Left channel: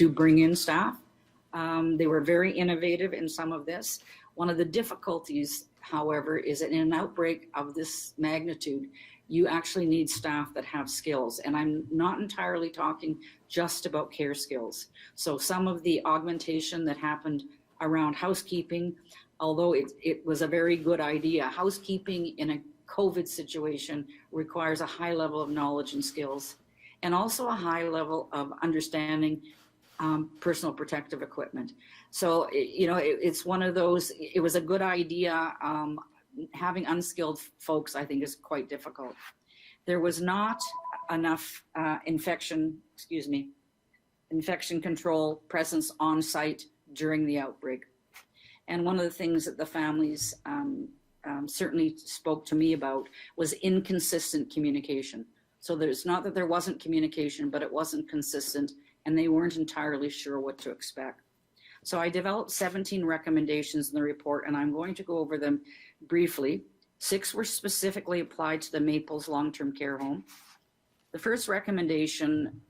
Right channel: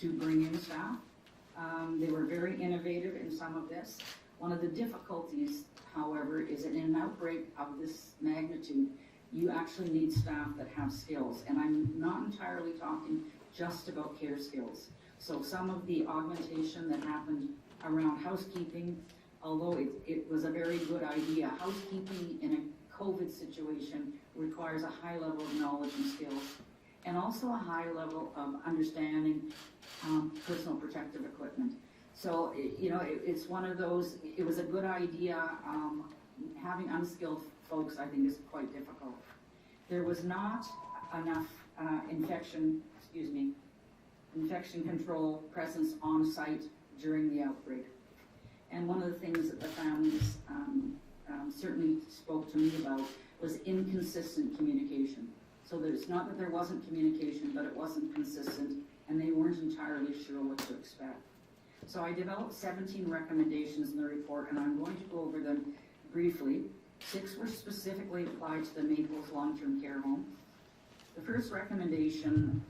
to bring in staff. They were very innovative in some of this. One of the difficulties, however, is that in an outbreak of this magnitude, you actually need staff that have skills. And I'm not entirely talking just about care skills. So some of the augmentation that happened around housekeeping, although it was a very good idea, housekeeping in a COVID situation requires a high level of knowledge and skills, and also a high level of understanding personal protective equipment. So, it's one of those, it was a good idea. Having unskilled folks, I think, is quite difficult. There was not enough infection control presence on site during the outbreak. And one of the things that the families certainly spoke to me about was inconsistent communication. So it's not that there wasn't communication, but it wasn't consistent, and they weren't entirely sure what to expect. So I developed 17 recommendations in the report, and I'm going to go over them briefly. 6 were specifically applied to the Maples long-term care home. The first recommendation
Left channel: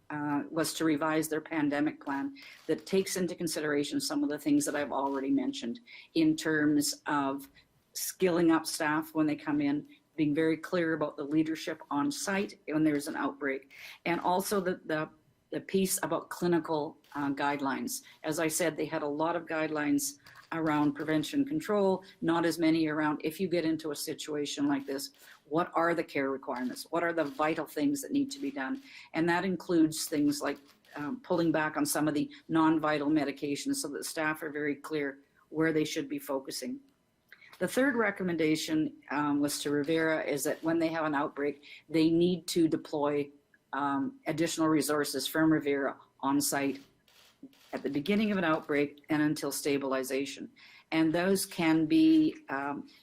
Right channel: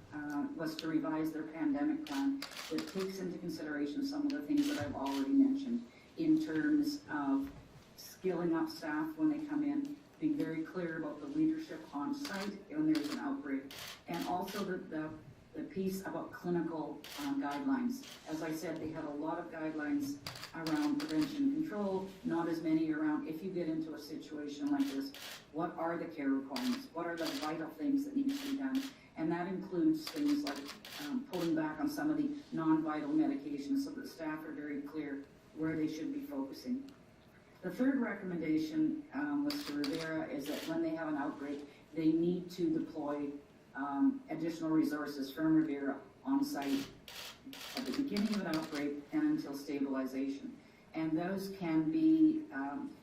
was to revise their pandemic plan that takes into consideration some of the things that I've already mentioned in terms of skilling up staff when they come in, being very clear about the leadership on site when there's an outbreak, and also the piece about clinical guidelines. As I said, they had a lot of guidelines around prevention control, not as many around if you get into a situation like this, what are the care requirements? What are the vital things that need to be done? And that includes things like pulling back on some of the non-vital medications so that staff are very clear where they should be focusing. The third recommendation was to Rivera is that when they have an outbreak, they need to deploy additional resources from Rivera on site at the beginning of an outbreak and until stabilization. And those can be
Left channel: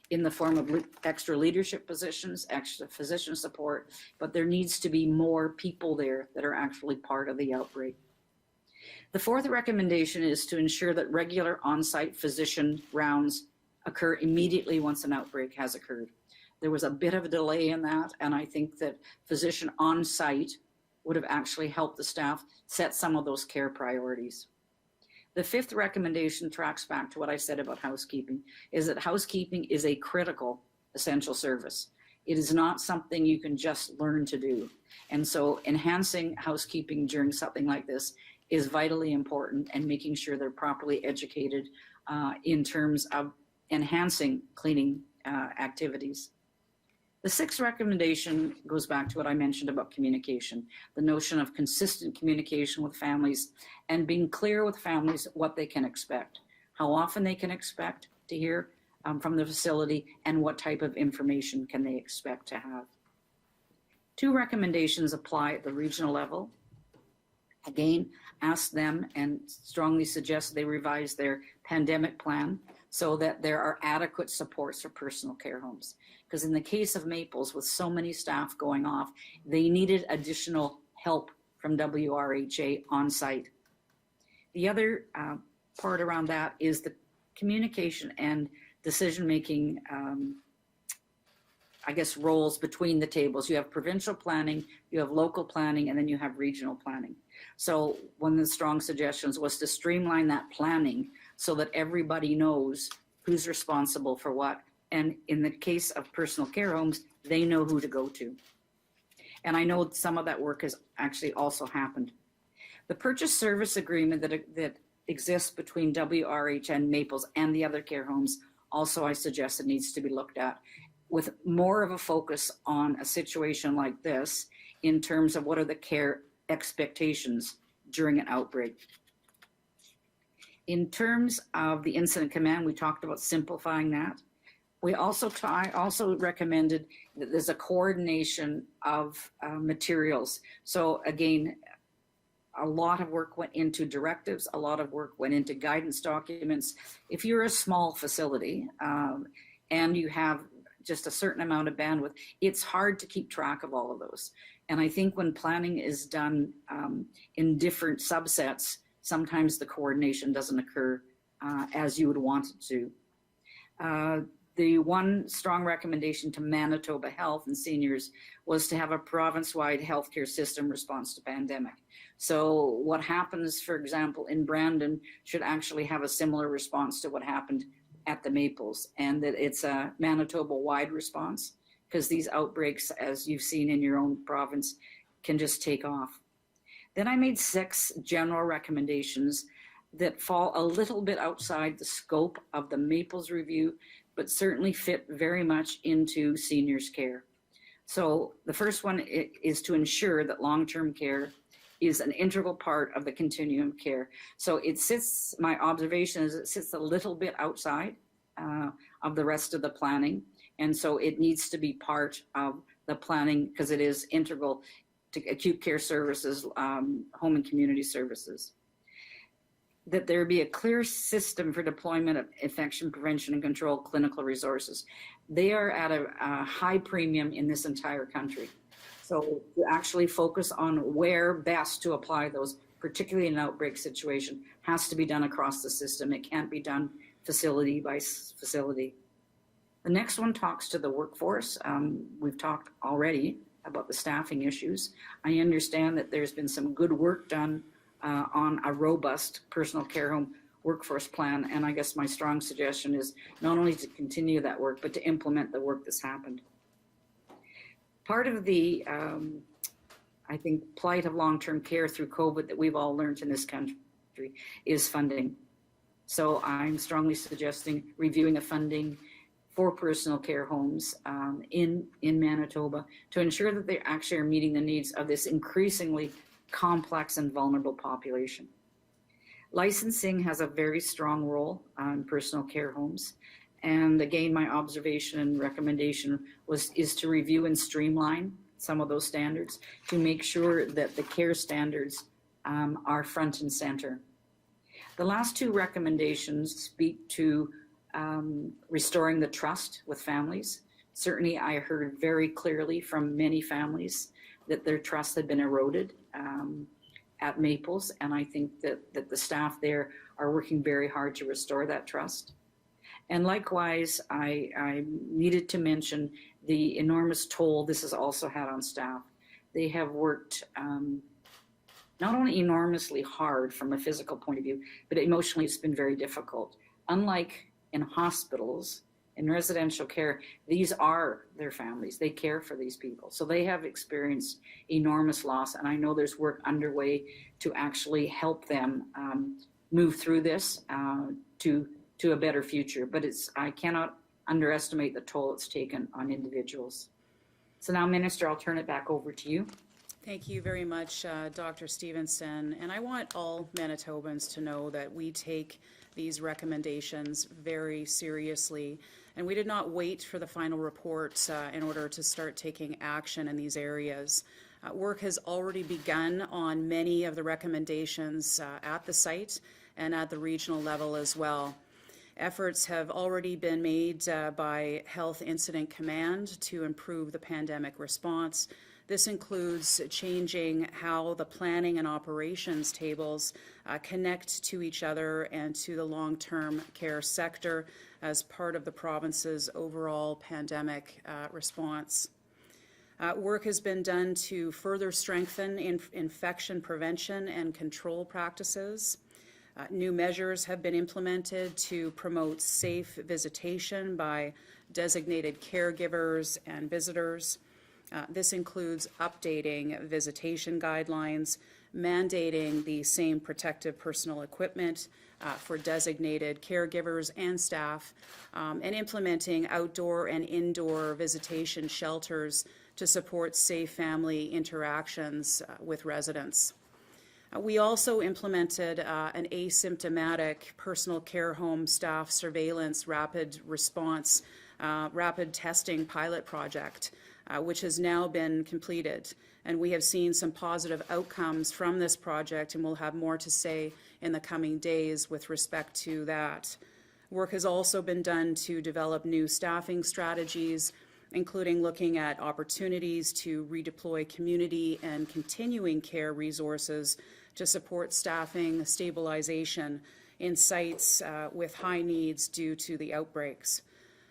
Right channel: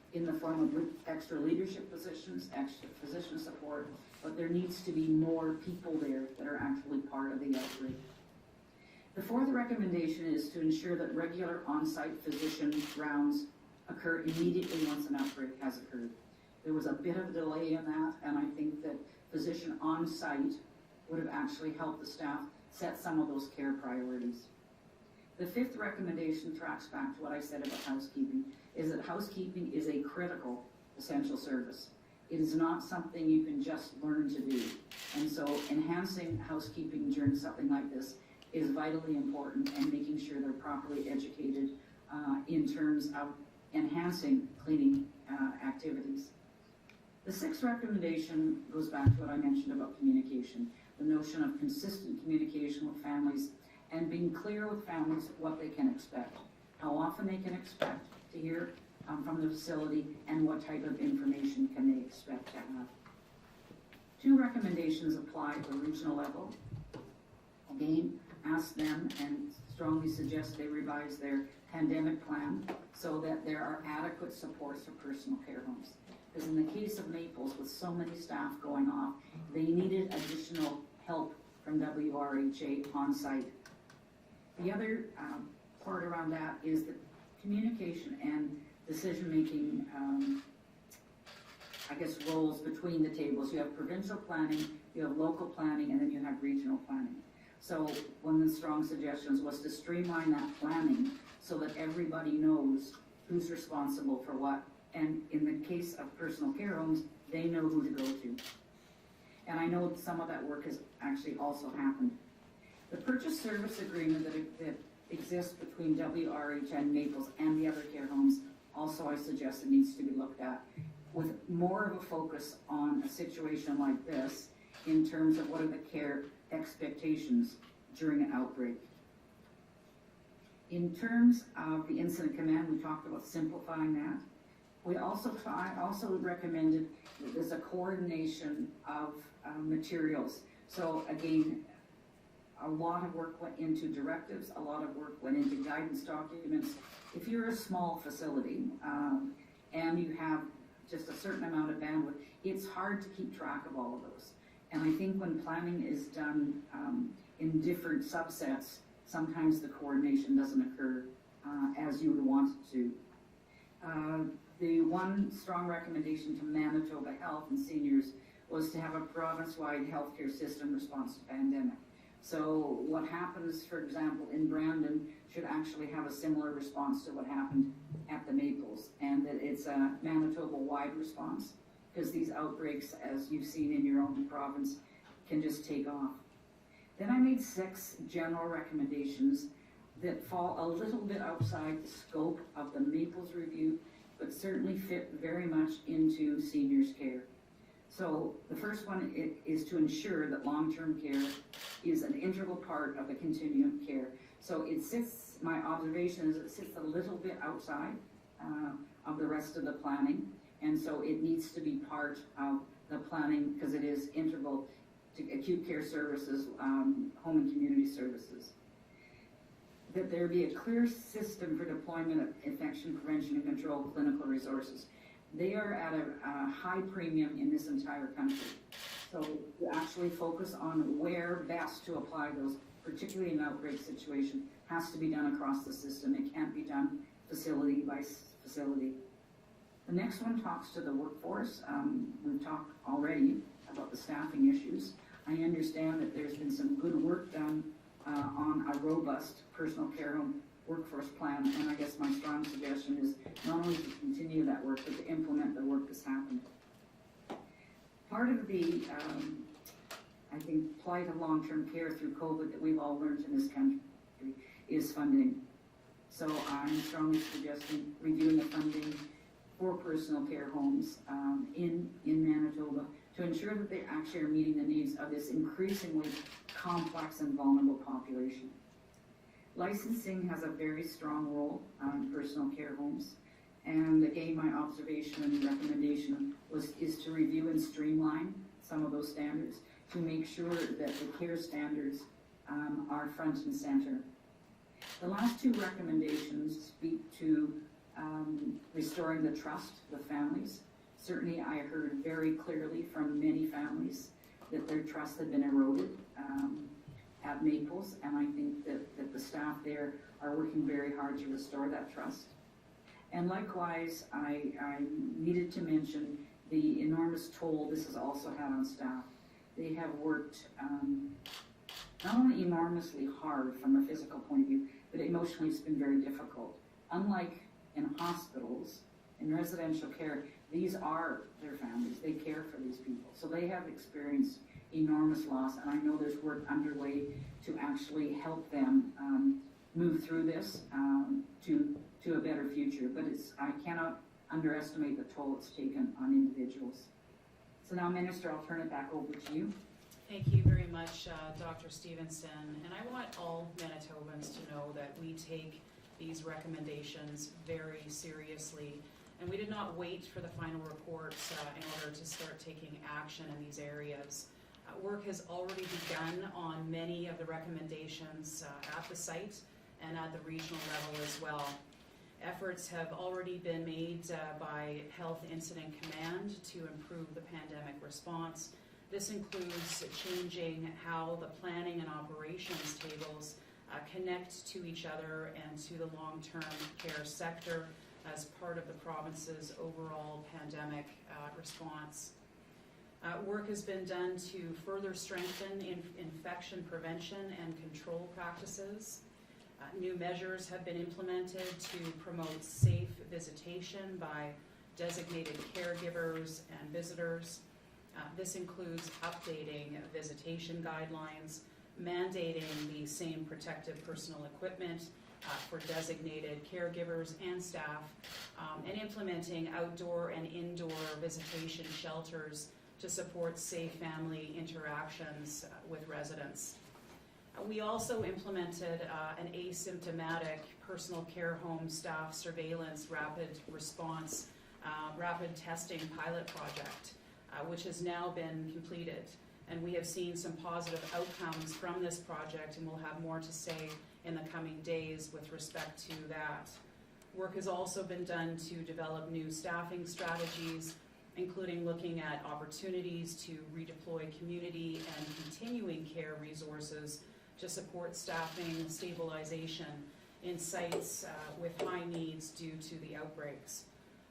in the form of extra leadership positions, extra physician support, but there needs to be more people there that are actually part of the outbreak. The fourth recommendation is to ensure that regular on-site physician rounds occur immediately once an outbreak has occurred. There was a bit of a delay in that, and I think that physician on site would have actually helped the staff set some of those care priorities. The fifth recommendation tracks back to what I said about housekeeping, is that housekeeping is a critical essential service. It is not something you can just learn to do. And so enhancing housekeeping during something like this is vitally important, and making sure they're properly educated in terms of enhancing cleaning activities. The sixth recommendation goes back to what I mentioned about communication, the notion of consistent communication with families and being clear with families what they can expect, how often they can expect to hear from the facility, and what type of information can they expect to have. 2 recommendations apply at the regional level. Again, ask them and strongly suggest they revise their pandemic plan so that there are adequate supports for personal care homes. Because in the case of Maples, with so many staff going off, they needed additional help from WRHA on site. The other part around that is the communication and decision-making, roles between the tables. You have provincial planning, you have local planning, and then you have regional planning. So one of the strong suggestions was to streamline that planning so that everybody knows who's responsible for what. And in the case of personal care homes, they know who to go to. And I know some of that work has actually also happened. The purchase service agreement that exists between WRH and Maples and the other care homes also, I suggest, it needs to be looked at with more of a focus on a situation like this in terms of what are the care expectations during an outbreak. In terms of the incident command, we talked about simplifying that. I also recommended that there's a coordination of materials. So again, a lot of work went into directives, a lot of work went into guidance documents. If you're a small facility and you have just a certain amount of bandwidth, it's hard to keep track of all of those. And I think when planning is done in different subsets, sometimes the coordination doesn't occur as you would want it to. The one strong recommendation to Manitoba Health and seniors was to have a province-wide healthcare system response to pandemic. So what happens, for example, in Brandon should actually have a similar response to what happened at the Maples, and that it's a Manitoba-wide response, because these outbreaks, as you've seen in your own province, can just take off. Then I made 6 general recommendations that fall a little bit outside the scope of the Maples review, but certainly fit very much into seniors' care. So the first one is to ensure that long-term care is an integral part of the continuum care. So it sits, my observation is it sits a little bit outside of the rest of the planning. And so it needs to be part of the planning because it is integral to acute care services, home and community services. That there be a clear system for deployment of infection prevention and control clinical resources. They are at a high premium in this entire country. So to actually focus on where best to apply those, particularly in an outbreak situation, has to be done across the system. It can't be done facility by facility. The next one talks to the workforce. We've talked already about the staffing issues. I understand that there's been some good work done on a robust personal care home workforce plan, and I guess my strong suggestion is not only to continue that work, but to implement the work that's happened. Part of the, I think, plight of long-term care through COVID that we've all learned in this country is funding. So I'm strongly suggesting reviewing the funding for personal care homes in Manitoba to ensure that they actually are meeting the needs of this increasingly complex and vulnerable population. Licensing has a very strong role on personal care homes. And again, my observation and recommendation is to review and streamline some of those standards to make sure that the care standards are front and center. The last 2 recommendations speak to restoring the trust with families. Certainly I heard very clearly from many families that their trust had been eroded at Maples, and I think that the staff there are working very hard to restore that trust. And likewise, I needed to mention the enormous toll this has also had on staff. They have worked not only enormously hard from a physical point of view, but emotionally it's been very difficult. Unlike in hospitals, in residential care, these are their families. They care for these people. So they have experienced enormous loss, and I know there's work underway to actually help them move through this to a better future. But I cannot underestimate the toll it's taken on individuals. So now, Minister, I'll turn it back over to you. Thank you very much, Dr. Stefanson. And I want all Manitobans to know that we take these recommendations very seriously. And we did not wait for the final report in order to start taking action in these areas. Work has already begun on many of the recommendations at the site and at the regional level as well. Efforts have already been made by Health Incident Command to improve the pandemic response. This includes changing how the planning and operations tables connect to each other and to the long-term care sector as part of the province's overall pandemic response. Work has been done to further strengthen infection prevention and control practices. New measures have been implemented to promote safe visitation by designated caregivers and visitors. This includes updating visitation guidelines, mandating the same protective personal equipment for designated caregivers and staff, and implementing outdoor and indoor visitation shelters to support safe family interactions with residents. We also implemented an asymptomatic personal care home staff surveillance rapid response, rapid testing pilot project, which has now been completed. And we have seen some positive outcomes from this project, and we'll have more to say in the coming days with respect to that. Work has also been done to develop new staffing strategies, including looking at opportunities to redeploy community and continuing care resources to support staffing stabilization in sites with high needs due to the outbreaks.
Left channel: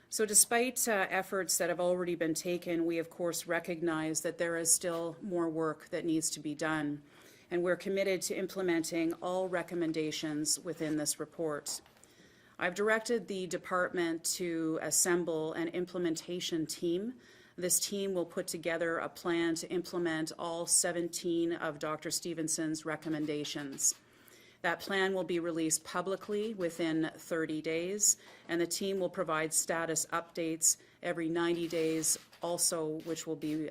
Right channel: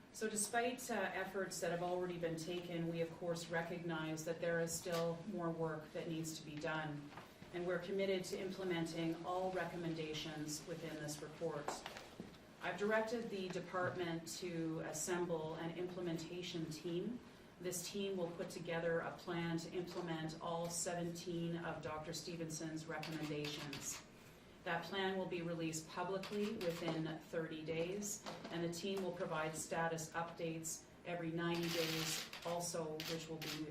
So despite efforts that have already been taken, we of course recognize that there is still more work that needs to be done. and we're committed to implementing all recommendations within this report. I've directed the department to assemble an implementation team. This team will put together a plan to implement all 17 of Dr. Stevenson's recommendations. That plan will be released publicly within 30 days, and the team will provide status updates every 90 days also, which will be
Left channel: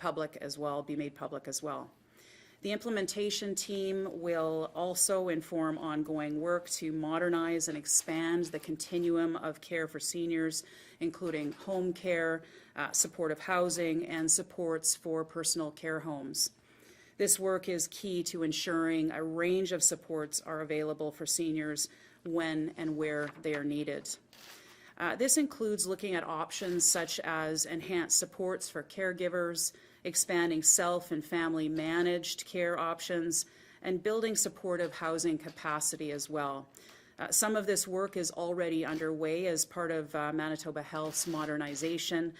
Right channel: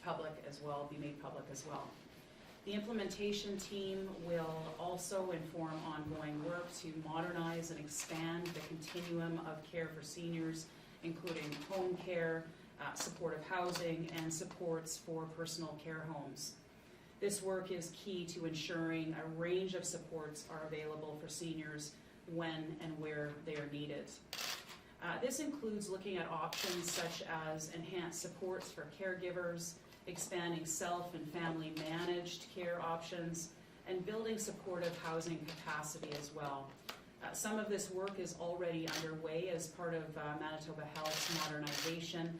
public as well, be made public as well. The implementation team will also inform ongoing work to modernize and expand the continuum of care for seniors, including home care, supportive housing, and supports for personal care homes. This work is key to ensuring a range of supports are available for seniors when and where they are needed. This includes looking at options such as enhanced supports for caregivers, expanding self and family managed care options, and building supportive housing capacity as well. Some of this work is already underway as part of Manitoba Health's modernization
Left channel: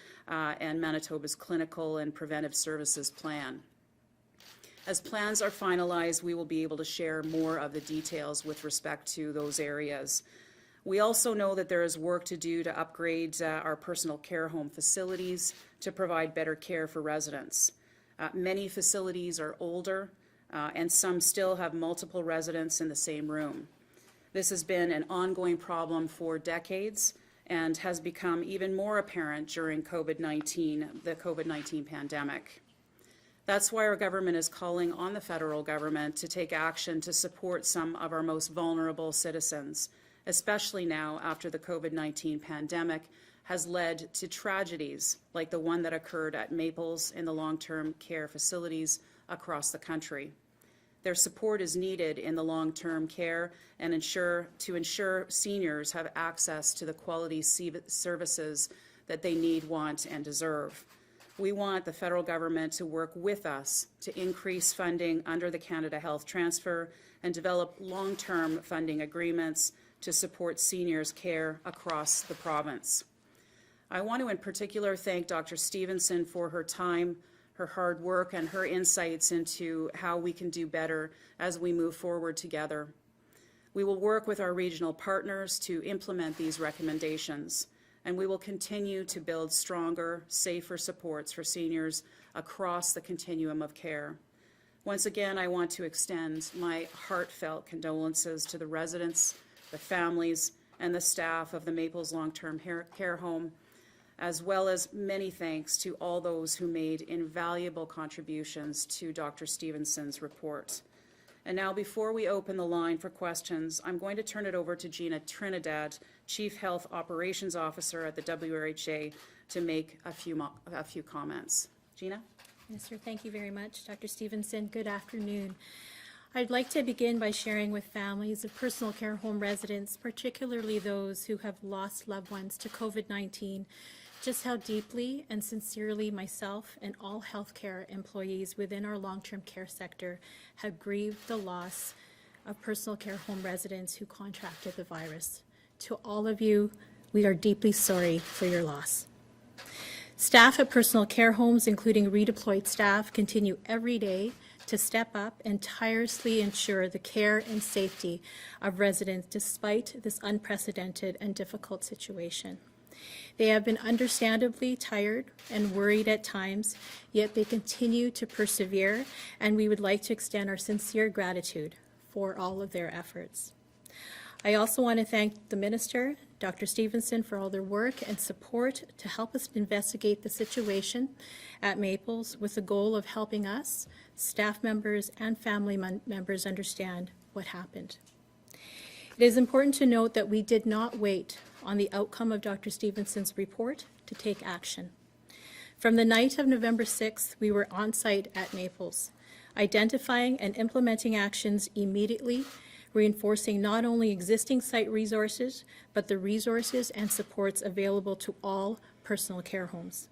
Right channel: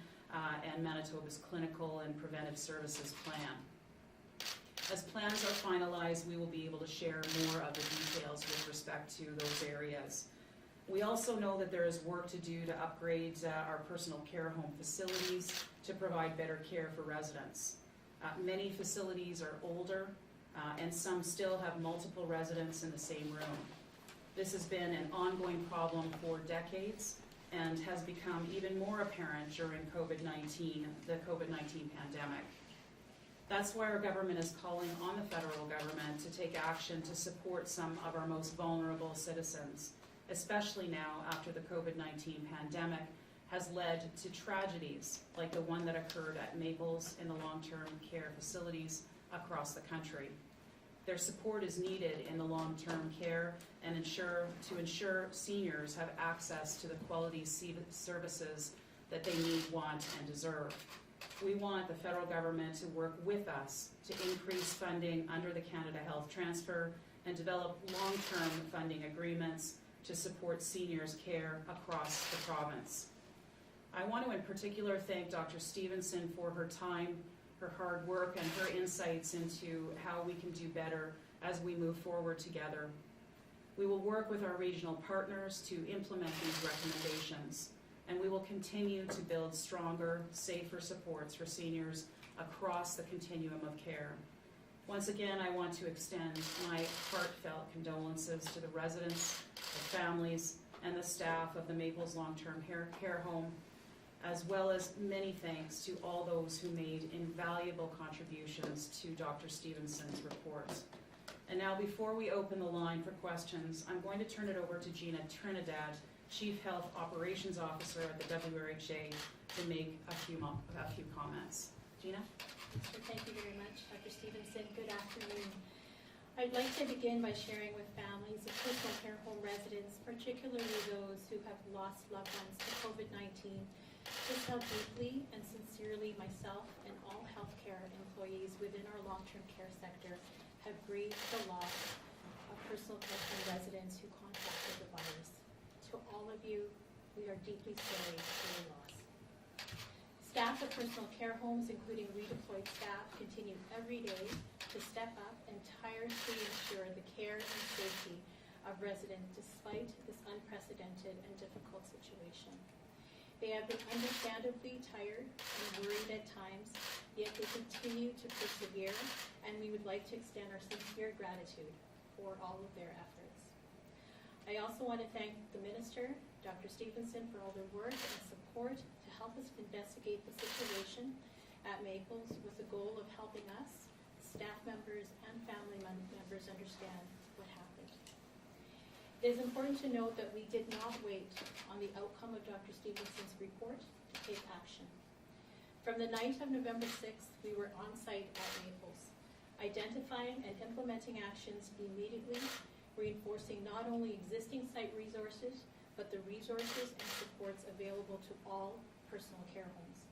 and Manitoba's clinical and preventive services plan. As plans are finalized, we will be able to share more of the details with respect to those areas. We also know that there is work to do to upgrade our personal care home facilities to provide better care for residents. Many facilities are older and some still have multiple residents in the same room. This has been an ongoing problem for decades and has become even more apparent during the COVID-19 pandemic. That's why our government is calling on the federal government to take action to support some of our most vulnerable citizens, especially now after the COVID-19 pandemic has led to tragedies like the one that occurred at Maples in the long-term care facilities across the country. Their support is needed in the long-term care and to ensure seniors have access to the quality services that they need, want, and deserve. We want the federal government to work with us to increase funding under the Canada Health Transfer and develop long-term funding agreements to support seniors' care across the province. I want to in particular thank Dr. Stefanson for her time, her hard work, and her insights into how we can do better as we move forward together. We will work with our regional partners to implement these recommendations, and we will continue to build stronger, safer supports for seniors across the continuum of care. Once again, I want to extend my heartfelt condolences to the residents, the families, and the staff of the Maples Long-Term Care Home, as well as many thanks to all those who made invaluable contributions to Dr. Stevenson's report. And now, before we open the line for questions, I'm going to turn it over to Gina Trinidad, Chief Health Operations Officer at the WRHA, to make a few comments. Gina? Yes, sir. Thank you very much, Dr. Stefanson. Good afternoon. I'd like to begin by sharing with families of personal care home residents, particularly those who have lost loved ones to COVID-19, just how deeply and sincerely myself and all healthcare employees within our long-term care sector have grieved the loss of personal care home residents who contracted the virus. To all of you, we are deeply sorry for your loss. Staff at personal care homes, including redeployed staff, continue every day to step up and tirelessly ensure the care and safety of residents despite this unprecedented and difficult situation. They have been understandably tired and worried at times, yet they continue to persevere, and we would like to extend our sincere gratitude for all of their efforts. I also want to thank the Minister, Dr. Stefanson, for all their work and support to help us investigate the situation at Maples with the goal of helping us, staff members, and family members understand what happened. It is important to note that we did not wait on the outcome of Dr. Stevenson's report to take action. From the night of November 6th, we were on site at Maples, identifying and implementing actions immediately, reinforcing not only existing site resources, but the resources and supports available to all personal care homes.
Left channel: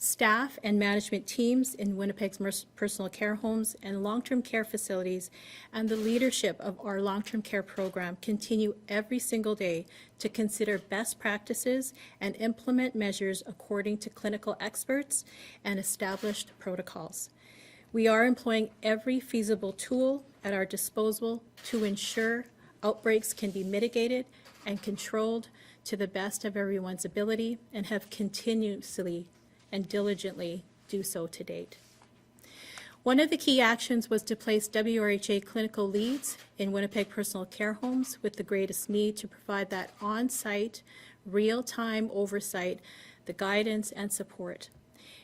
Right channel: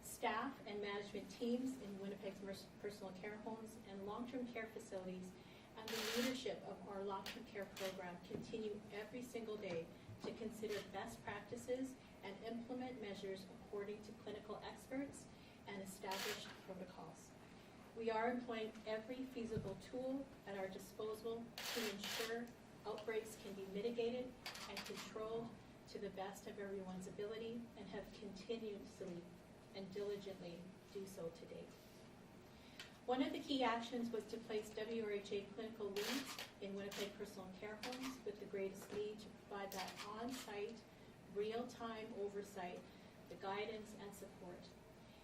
Staff and management teams in Winnipeg's personal care homes and long-term care facilities and the leadership of our long-term care program continue every single day to consider best practices and implement measures according to clinical experts and established protocols. We are employing every feasible tool at our disposal to ensure outbreaks can be mitigated and controlled to the best of everyone's ability, and have continuously and diligently do so to date. One of the key actions was to place WRHA clinical leads in Winnipeg personal care homes with the greatest need to provide that on-site, real-time oversight, the guidance and support.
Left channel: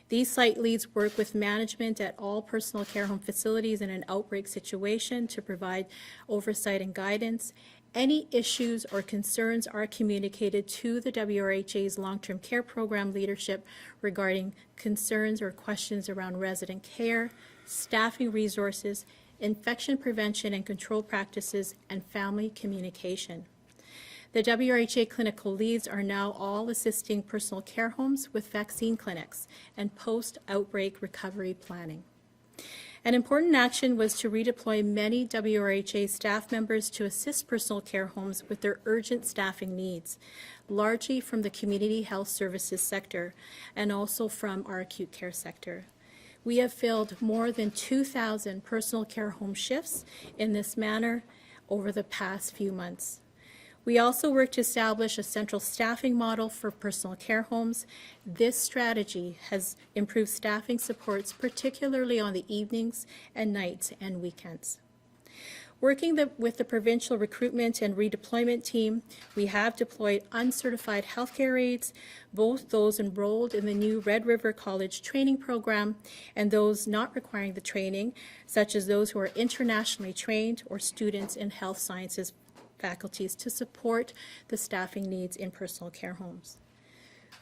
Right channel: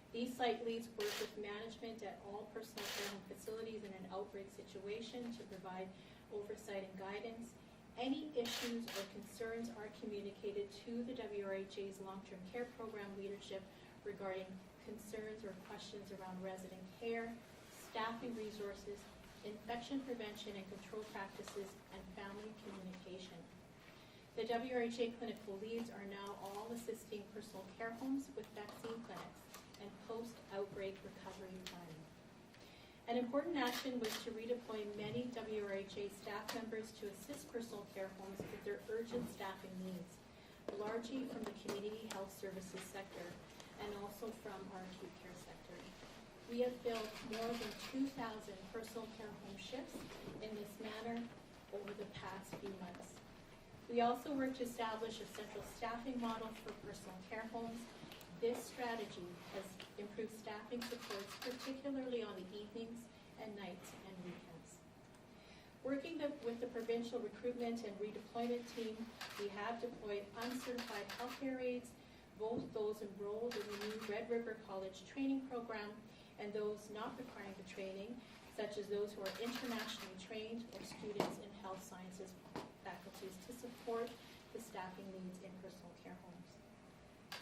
These site leads work with management at all personal care home facilities in an outbreak situation to provide oversight and guidance. Any issues or concerns are communicated to the WRHA's long-term care program leadership regarding concerns or questions around resident care, staffing resources, infection prevention and control practices, and family communication. The WRHA clinical leads are now all assisting personal care homes with vaccine clinics and post-outbreak recovery planning. An important action was to redeploy many WRHA staff members to assist personal care homes with their urgent staffing needs, largely from the community health services sector and also from our acute care sector. We have filled more than 2,000 personal care home shifts in this manner over the past few months. We also worked to establish a central staffing model for personal care homes. This strategy has improved staffing supports, particularly on the evenings and nights and weekends. Working with the provincial recruitment and redeployment team, we have deployed uncertified healthcare aides, both those enrolled in the new Red River College training program and those not requiring the training, such as those who are internationally trained or students in health sciences faculties, to support the staffing needs in personal care homes.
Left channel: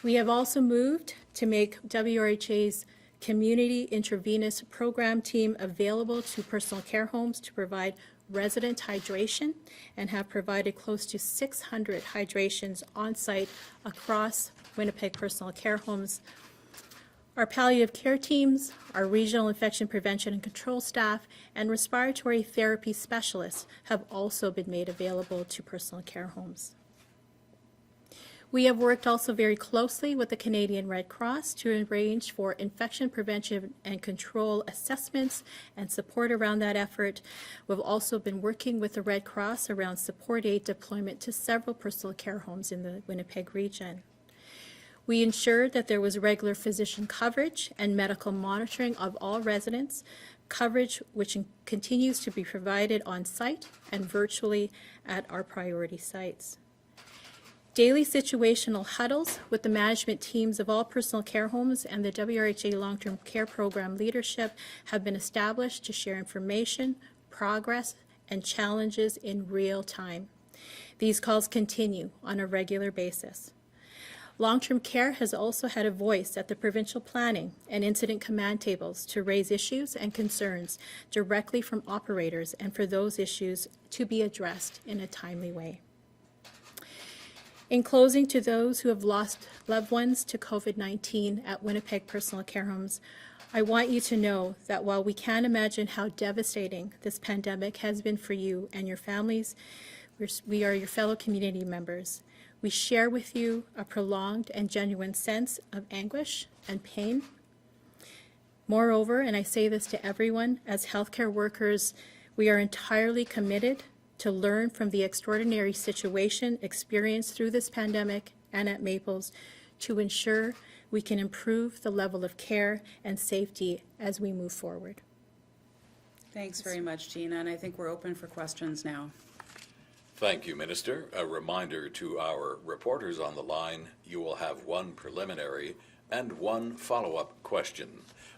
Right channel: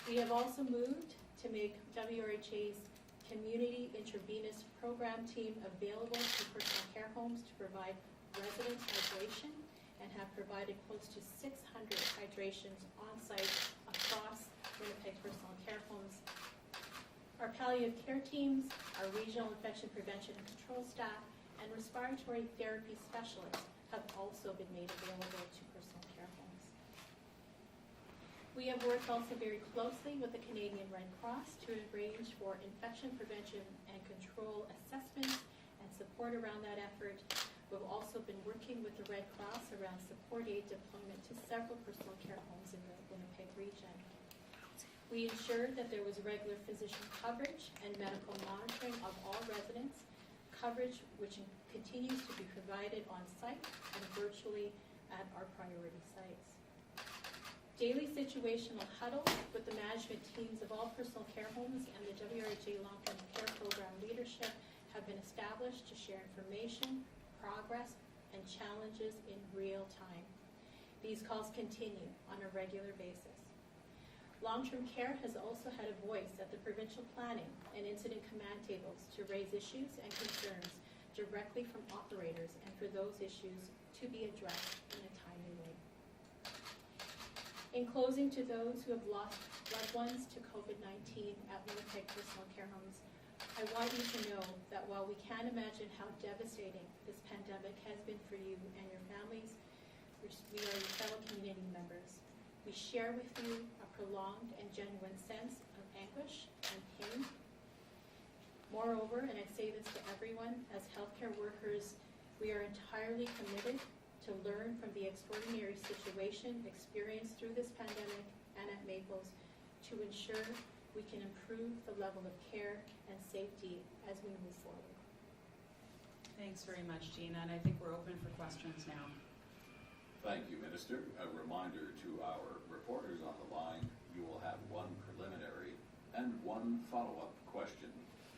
We have also moved to make WRHA's community intravenous program team available to personal care homes to provide resident hydration, and have provided close to 600 hydrations on site across Winnipeg personal care homes. Our palliative care teams, our regional infection prevention and control staff, and respiratory therapy specialists have also been made available to personal care homes. We have worked also very closely with the Canadian Red Cross to arrange for infection prevention and control assessments and support around that effort. We've also been working with the Red Cross around support aid deployment to several personal care homes in the Winnipeg region. We ensured that there was regular physician coverage and medical monitoring of all residents, coverage which continues to be provided on site and virtually at our priority sites. Daily situational huddles with the management teams of all personal care homes and the WRHA long-term care program leadership have been established to share information, progress, and challenges in real time. These calls continue on a regular basis. Long-term care has also had a voice at the provincial planning and incident command tables to raise issues and concerns directly from operators and for those issues to be addressed in a timely way. In closing, to those who have lost loved ones to COVID-19 at Winnipeg personal care homes, I want you to know that while we can't imagine how devastating this pandemic has been for you and your families, we are your fellow community members. We share with you a prolonged and genuine sense of anguish and pain. Moreover, and I say this to everyone, as healthcare workers, we are entirely committed to learn from the extraordinary situation experienced through this pandemic and at Maples to ensure we can improve the level of care and safety as we move forward. Thanks very much, Gina, and I think we're open for questions now. Thank you, Minister. A reminder to our reporters on the line, you will have one preliminary and one follow-up question.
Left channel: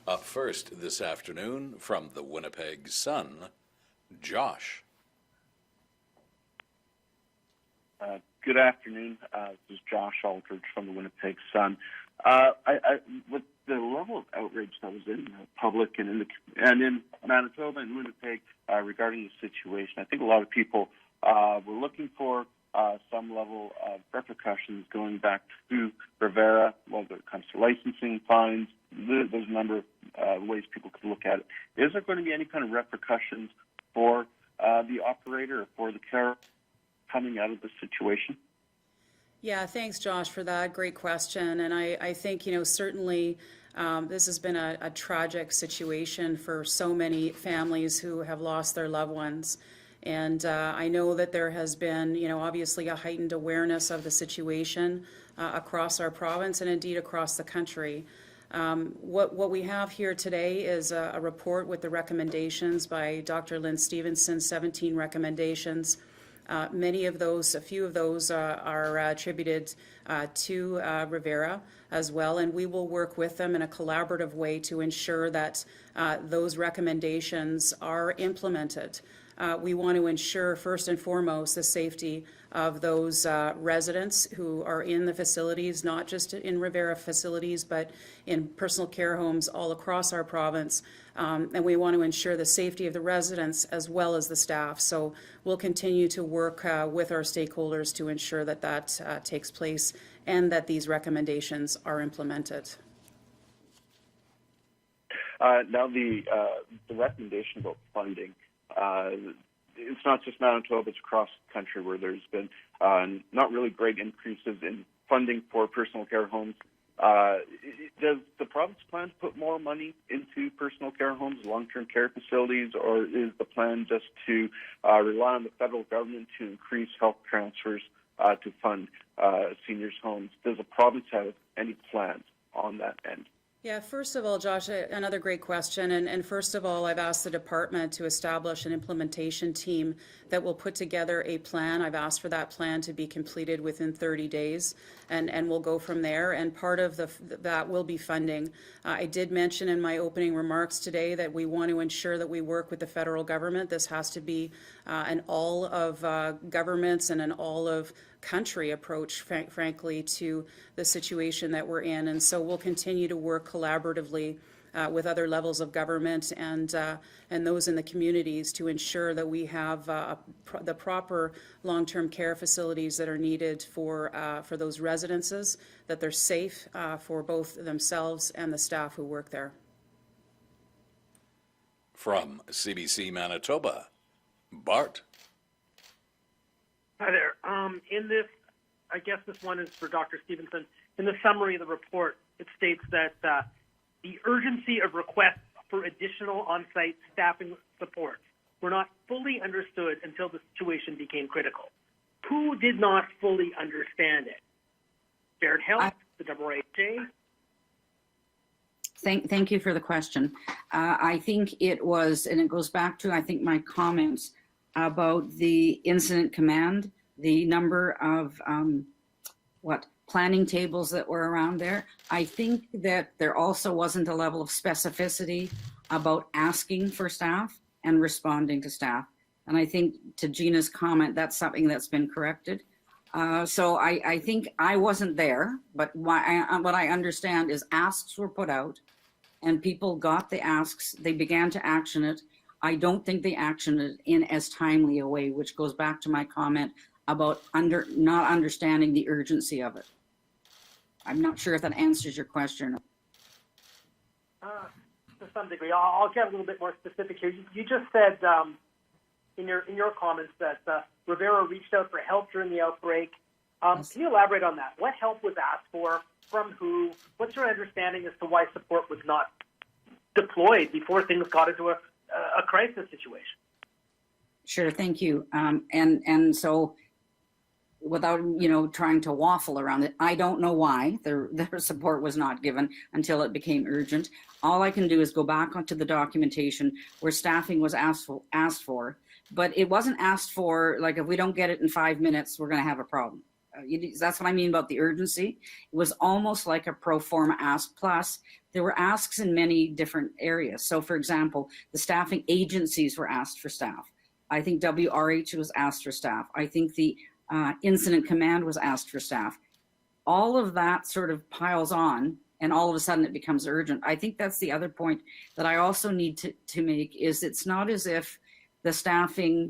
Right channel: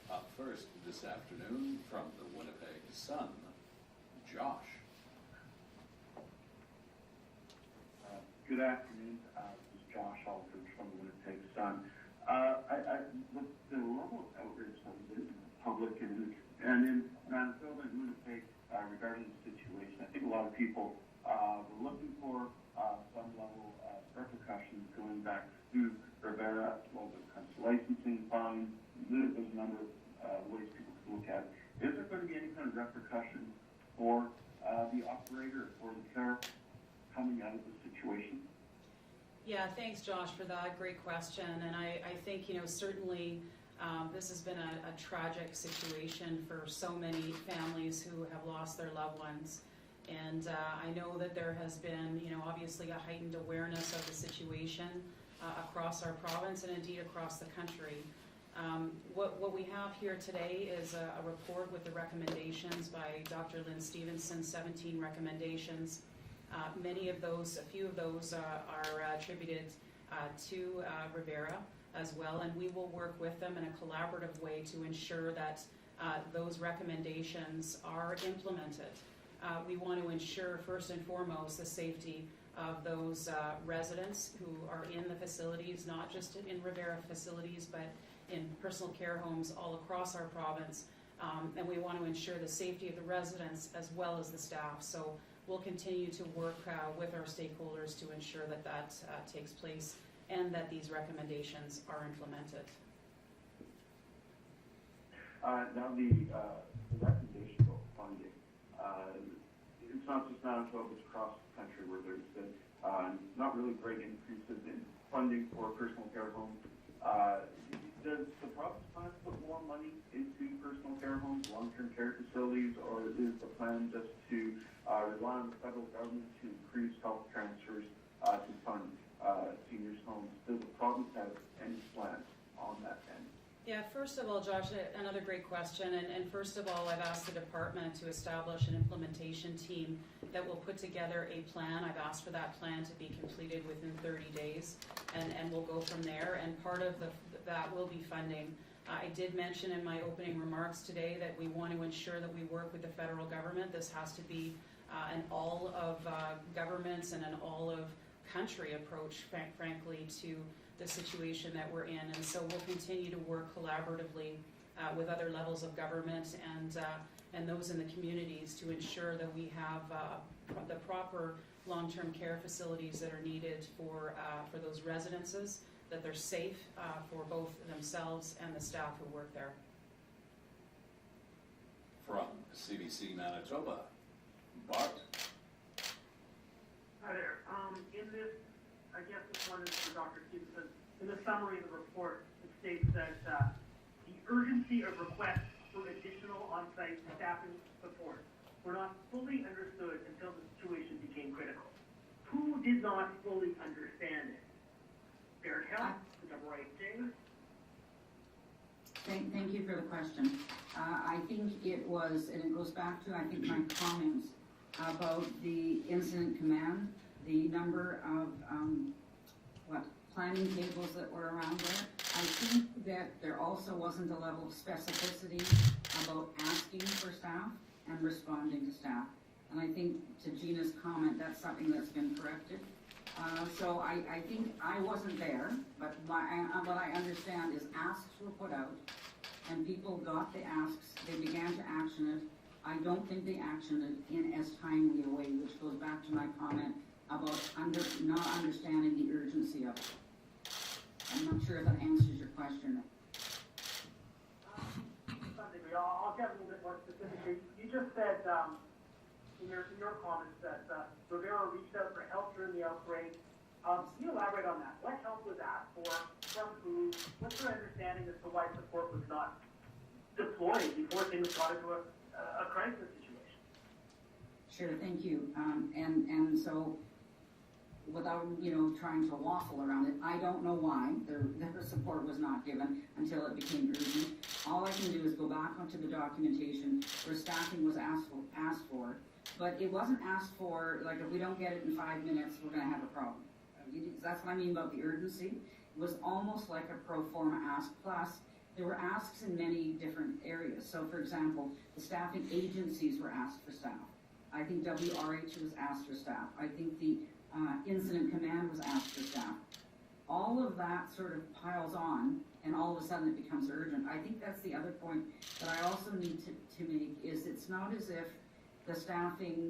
Up first this afternoon from the Winnipeg Sun, Josh. Good afternoon. This is Josh Aldridge from the Winnipeg Sun. With the level of outrage that was in the public and in Manitoba and Winnipeg regarding the situation, I think a lot of people were looking for some level of repercussions going back to Rivera, whether it comes to licensing, fines. There's a number of ways people could look at it. Is there going to be any kind of repercussions for the operator or for the care coming out of the situation? Yeah, thanks, Josh, for that. Great question. And I think, certainly This has been a tragic situation for so many families who have lost their loved ones. And I know that there has been, obviously a heightened awareness of the situation across our province and indeed across the country. What we have here today is a report with the recommendations by Dr. Lynn Stefanson, 17 recommendations. A few of those are attributed to Rivera as well, and we will work with them in a collaborative way to ensure that those recommendations are implemented. We want to ensure first and foremost the safety of those residents who are in the facilities, not just in Rivera facilities, but in personal care homes all across our province. And we want to ensure the safety of the residents as well as the staff. So we'll continue to work with our stakeholders to ensure that that takes place and that these recommendations are implemented. Now the recommendation about funding, it's not just Manitoba, it's across the country where there's been not really great increases in funding for personal care homes. Does the province plan to put more money into personal care homes, long-term care facilities, or is the plan just to rely on the federal government to increase health transfers to fund seniors' homes? Does the province have any plans on that end? Yeah, first of all, Josh, another great question. And first of all, I've asked the department to establish an implementation team that will put together a plan. I've asked for that plan to be completed within 30 days, and we'll go from there. And part of that will be funding. I did mention in my opening remarks today that we want to ensure that we work with the federal government. This has to be an all of governments and an all of country approach, frankly, to the situation that we're in. And so we'll continue to work collaboratively with other levels of government and those in the communities to ensure that we have the proper long-term care facilities that are needed for those residences, that they're safe for both themselves and the staff who work there. From CBC Manitoba, Bart. Hi there. In this, I guess this one is for Dr. Stefanson. In the summary of the report, it states that the urgency of requests for additional on-site staffing support were not fully understood until the situation became critical. Who did not fully understand it? Shared Health, the AAHA? Thank you for the question. I think it was, and it goes back to, I think, my comments about the incident command, the number of planning tables that were around there. I think that there also wasn't a level of specificity about asking for staff and responding to staff. And I think to Gina's comment, that's something that's been corrected. So I think I wasn't there, but what I understand is asks were put out and people got the asks, they began to action it. I don't think they actioned it in as timely a way, which goes back to my comment about not understanding the urgency of it. I'm not sure if that answers your question. To some degree. I'll get a little bit more specific here. You just said in your comments that Rivera reached out for help during the outbreak. Can you elaborate on that? What help was asked for? From who? What's your understanding as to why support was not deployed before things got into a crisis situation? Sure, thank you. And so, without trying to waffle around it, I don't know why their support was not given until it became urgent. All I can do is go back onto the documentation where staffing was asked for, but it wasn't asked for like, if we don't get it in 5 minutes, we're going to have a problem. That's what I mean about the urgency. It was almost like a pro forma ask, plus there were asks in many different areas. So for example, the staffing agencies were asked for staff. I think WRH was asked for staff. I think the incident command was asked for staff. All of that sort of piles on and all of a sudden it becomes urgent. I think that's the other point that I also need to make is it's not as if the staffing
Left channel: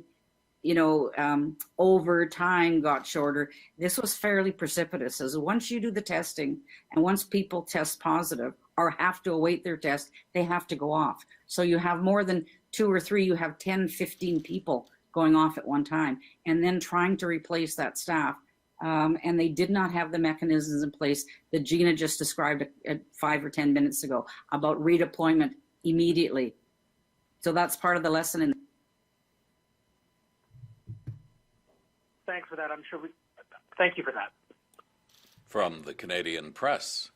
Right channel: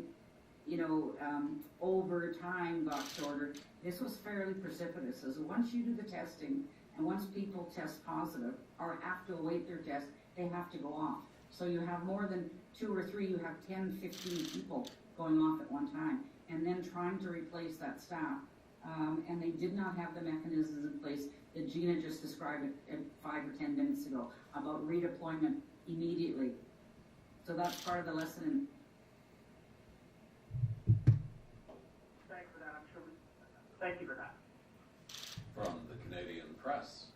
over time got shorter. This was fairly precipitous. As once you do the testing and once people test positive or have to await their test, they have to go off. So you have more than 2 or 3, you have 10, 15 people going off at one time. And then trying to replace that staff and they did not have the mechanisms in place that Gina just described 5 or 10 minutes ago about redeployment immediately. So that's part of the lesson. Thanks for that. Thank you for that. From the Canadian Press,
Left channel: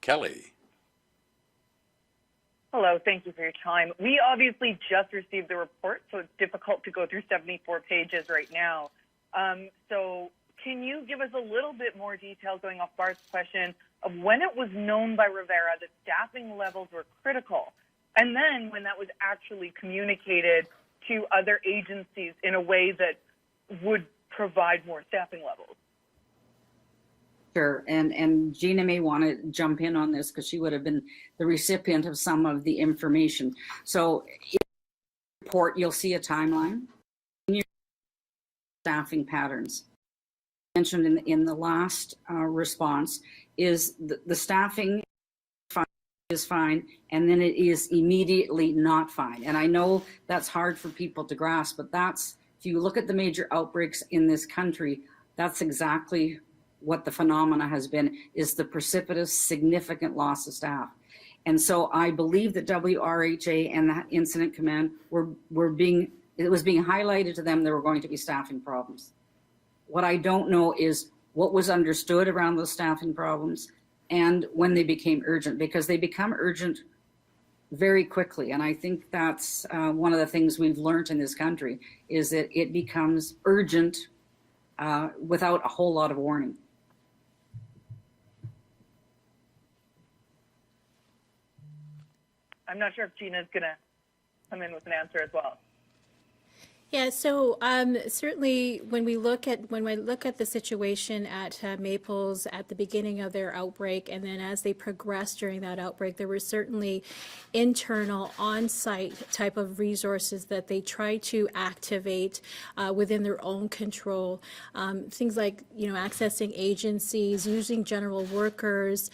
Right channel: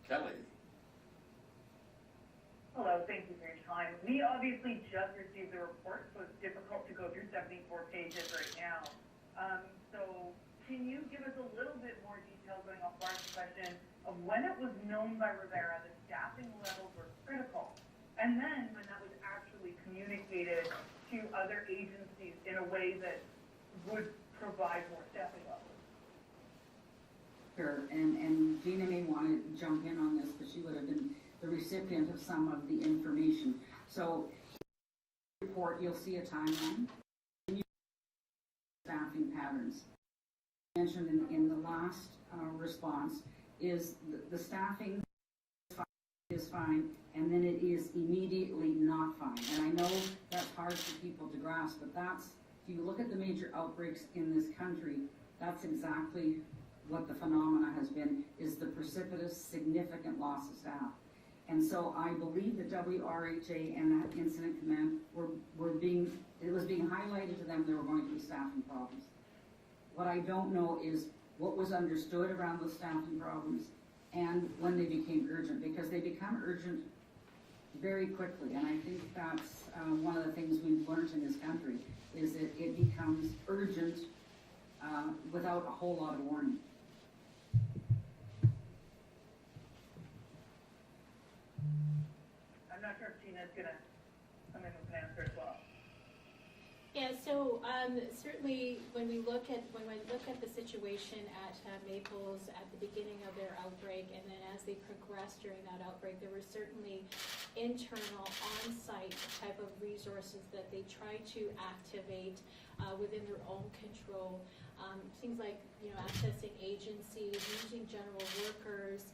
Kelly. Hello, thank you for your time. We obviously just received the report, so it's difficult to go through 74 pages right now. So can you give us a little bit more detail, going off Bart's question, of when it was known by Rivera that staffing levels were critical, and then when that was actually communicated to other agencies in a way that would provide more staffing levels? Sure, and Gina may want to jump in on this because she would have been the recipient of some of the information. So in the report, you'll see a timeline. In your staffing patterns. Mentioned in the last response is the staffing is fine, and then it is immediately not fine. And I know that's hard for people to grasp, but that's, if you look at the major outbreaks in this country, that's exactly what the phenomena has been, is the precipitous, significant loss of staff. And so I believe that WRHA and the Incident Command it was being highlighted to them there were going to be staffing problems. What I don't know is what was understood around those staffing problems and when they became urgent, because they become urgent very quickly. And I think that's one of the things we've learned in this country, is that it becomes urgent without a whole lot of warning. I'm not sure if Gina's going to come in with an answer as well. Yeah, so certainly when we look at the situation at Maples at the beginning of their outbreak, and then as they progressed during that outbreak, there were certainly internal on-site type of resources that they tried to activate within their own control. Things like, accessing agencies, using general workers.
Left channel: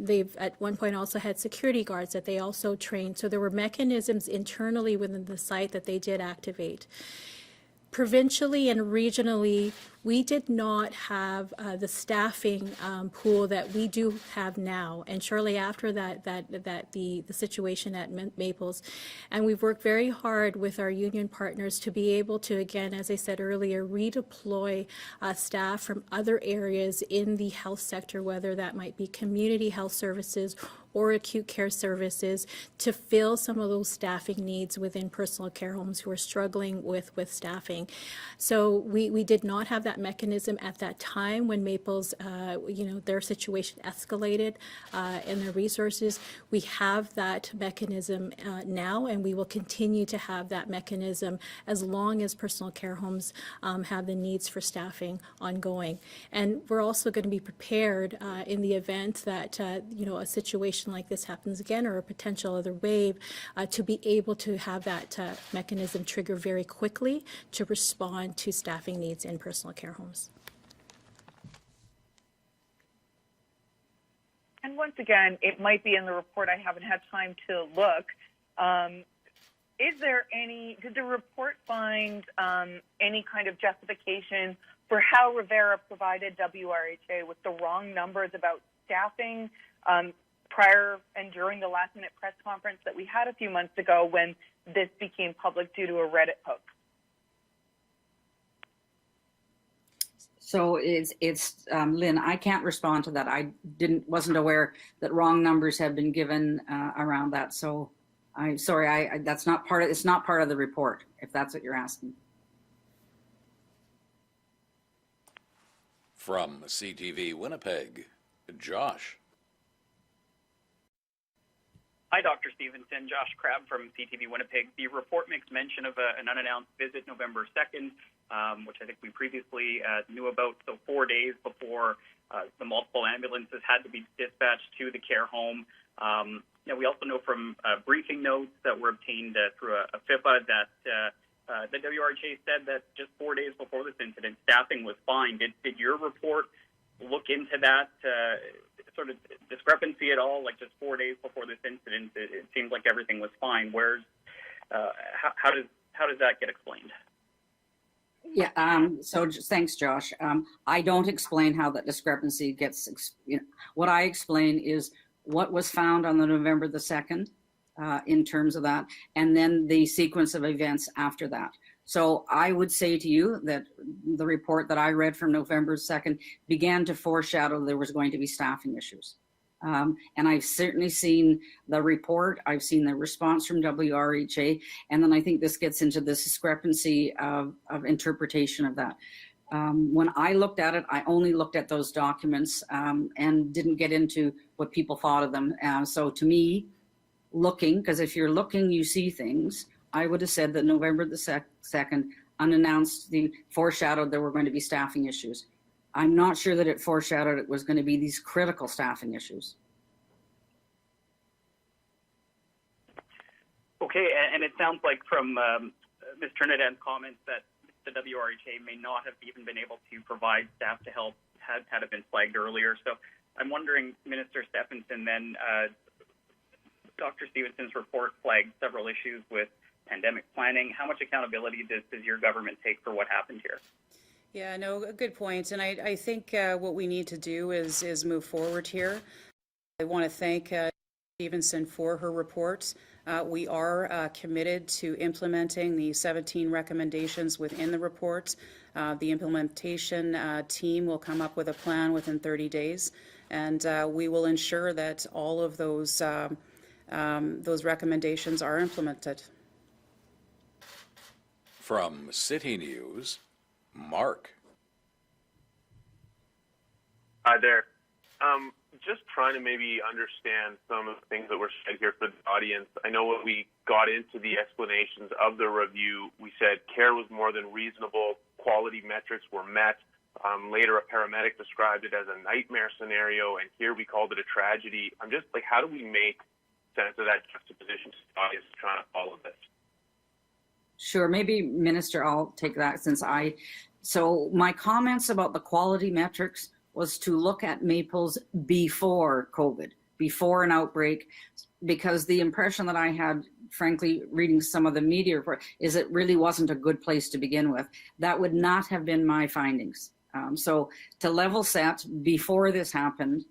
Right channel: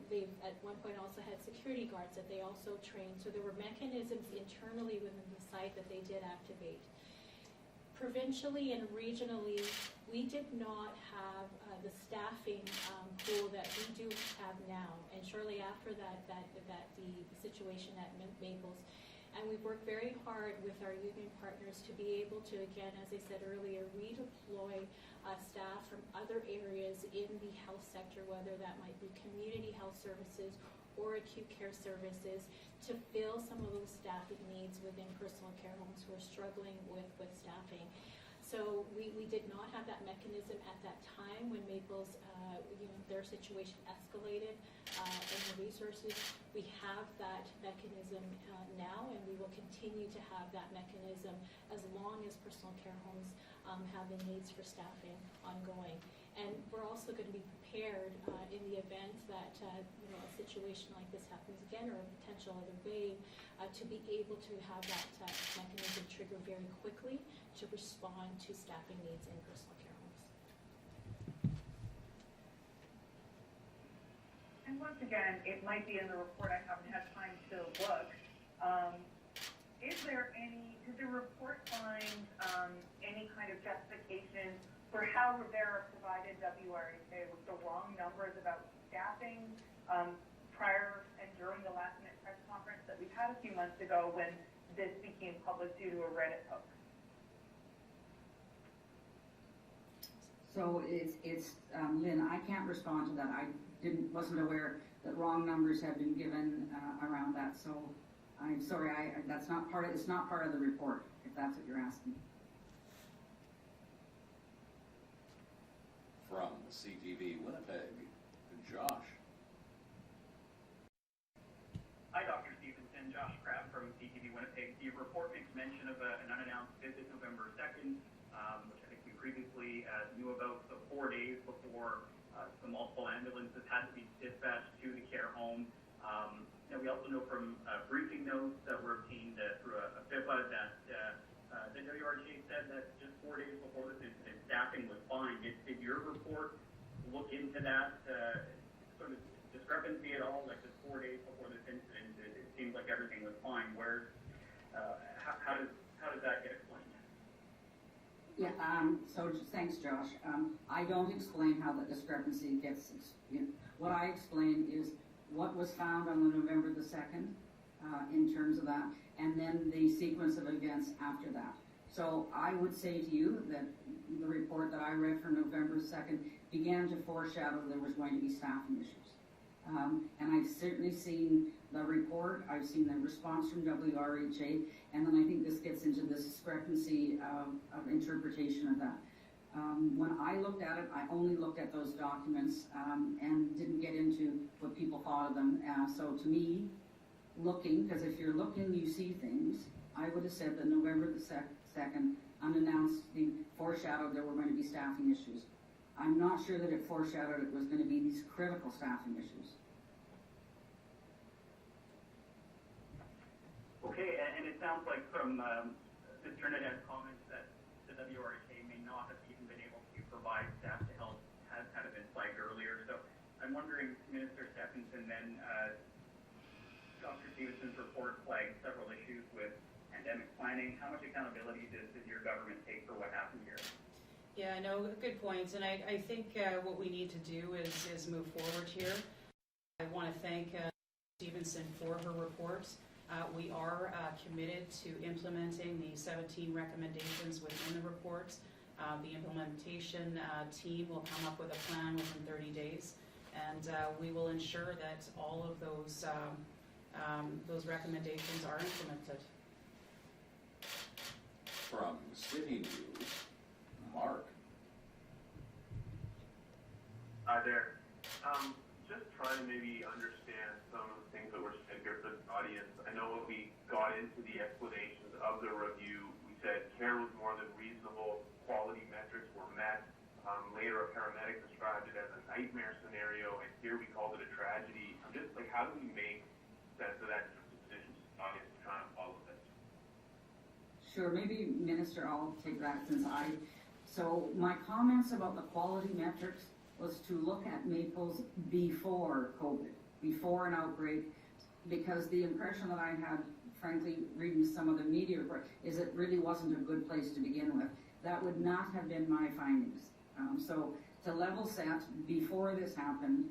They've at one point also had security guards that they also trained. So there were mechanisms internally within the site that they did activate. Provincially and regionally, we did not have the staffing pool that we do have now. And shortly after that, the situation at Maples, and we've worked very hard with our union partners to be able to, again, as I said earlier, redeploy staff from other areas in the health sector, whether that might be community health services or acute care services, to fill some of those staffing needs within personal care homes who are struggling with staffing. So we did not have that mechanism at that time when Maples, their situation escalated and their resources. We have that mechanism now, and we will continue to have that mechanism as long as personal care homes have the needs for staffing ongoing. And we're also going to be prepared in the event that, a situation like this happens again, or a potential other wave, to be able to have that mechanism trigger very quickly to respond to staffing needs in personal care homes. And once again, it might be in the report, I haven't had time to look. Did the report find any kind of justification for how Rivera provided WRHA with the wrong numbers about staffing prior and during the last-minute press conference that we had a few months ago when this became public due to a Reddit post? So it's Lynn, I can't respond to that. I wasn't aware that wrong numbers have been given around that. So I'm sorry, it's not part of the report, if that's what you're asking. From CTV Winnipeg, Josh. Hi, Dr. Stevenson. Josh Crabb from CTV Winnipeg. The report makes mention of an unannounced visit November 2nd, which I think we previously knew about. So 4 days before the multiple ambulances had to be dispatched to the care home. We also know from briefing notes that were obtained through a FIPA that the WRHA said that just 4 days before this incident, staffing was fine. Did your report look into that sort of discrepancy at all? Like, just 4 days before this incident, it seemed like everything was fine. How does that get explained? Yeah, thanks, Josh. I don't explain how that discrepancy gets, what I explain is what was found on the November the 2nd in terms of that, and then the sequence of events after that. So I would say to you that the report that I read from November 2nd began to foreshadow there was going to be staffing issues. And I've certainly seen the report, I've seen the response from WRHA, and then I think this gets into this discrepancy of interpretation of that. When I looked at it, I only looked at those documents and didn't get into what people thought of them. So to me, looking, because if you're looking, you see things, I would have said that November the 2nd, unannounced, foreshadowed there were going to be staffing issues. I'm not sure that it foreshadowed it was going to be these critical staffing issues. Okay, and it sounds like from Ms. Trinidad's comments that the WRHA may not have even been able to provide staff to help had it been flagged earlier. So I'm wondering, Minister Stefanson, then Dr. Stevenson's report flagged several issues with pandemic planning. How much accountability does your government take for what happened here? Yeah, no, good point. And I think what we need to do is move forward here. I want to thank Stevenson for her report. We are committed to implementing the 17 recommendations within the report. The implementation team will come up with a plan within 30 days, and we will ensure that all of those recommendations are implemented. From CityNews, Mark. Hi there. Just trying to maybe understand some of the things that were said here for the audience. I know when we got into the explanations of the review, we said care was more than reasonable, quality metrics were met. Later, a paramedic described it as a nightmare scenario, and here we called it a tragedy. I'm just like, how do we make sense of that juxtaposition to the audience trying to follow this? Sure, maybe Minister, I'll take that so my comments about the quality metrics was to look at Maples before COVID, before an outbreak, because the impression that I had, frankly, reading some of the media report, is it really wasn't a good place to begin with. That would not have been my findings. So to level set, before this happened,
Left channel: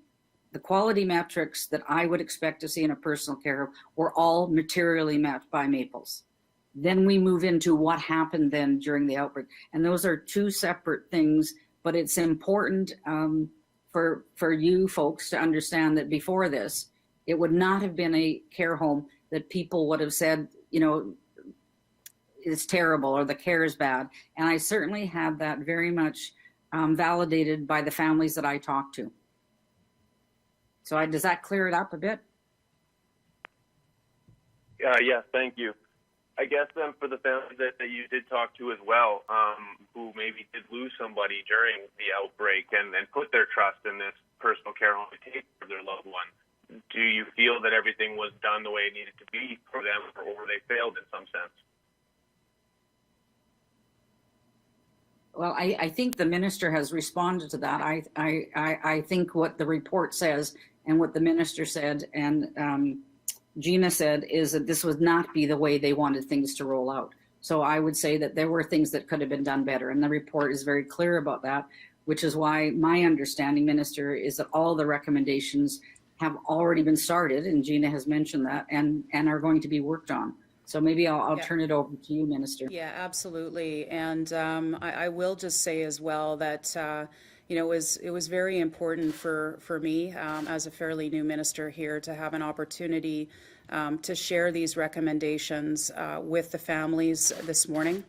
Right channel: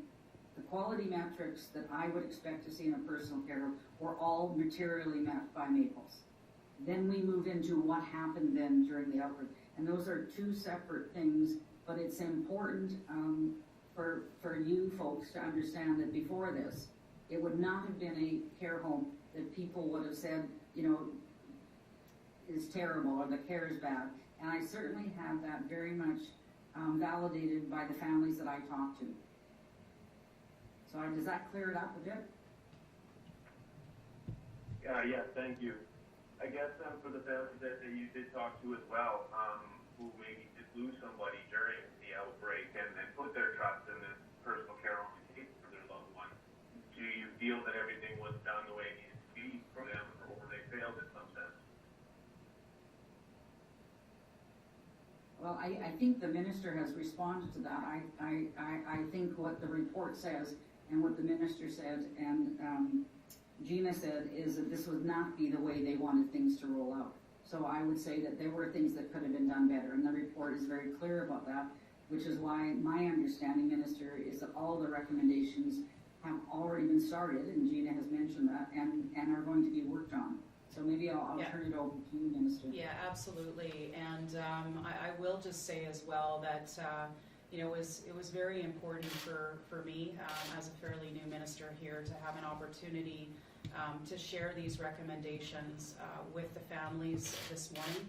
the quality metrics that I would expect to see in a personal care home were all materially met by Maples. Then we move into what happened then during the outbreak. And those are two separate things, but it's important for you folks to understand that before this, it would not have been a care home that people would have said, is terrible or the care is bad. And I certainly had that very much validated by the families that I talked to. So does that clear it up a bit? Yes, thank you. I guess then for the families that you did talk to as well, who maybe did lose somebody during the outbreak and put their trust in this personal care home to take care of their loved one, do you feel that everything was done the way it needed to be for them, or they failed in some sense? Well, I think the minister has responded to that. I think what the report says and what the minister said and Gina said is that this would not be the way they wanted things to roll out. So I would say that there were things that could have been done better, and the report is very clear about that, which is why my understanding, Minister, is that all the recommendations have already been started, and Gina has mentioned that, and are going to be worked on. So maybe I'll turn it over to you, Minister. Yeah, absolutely. And I will just say as well that it was very important for me as a fairly new minister here to have an opportunity to share these recommendations with the families this morning.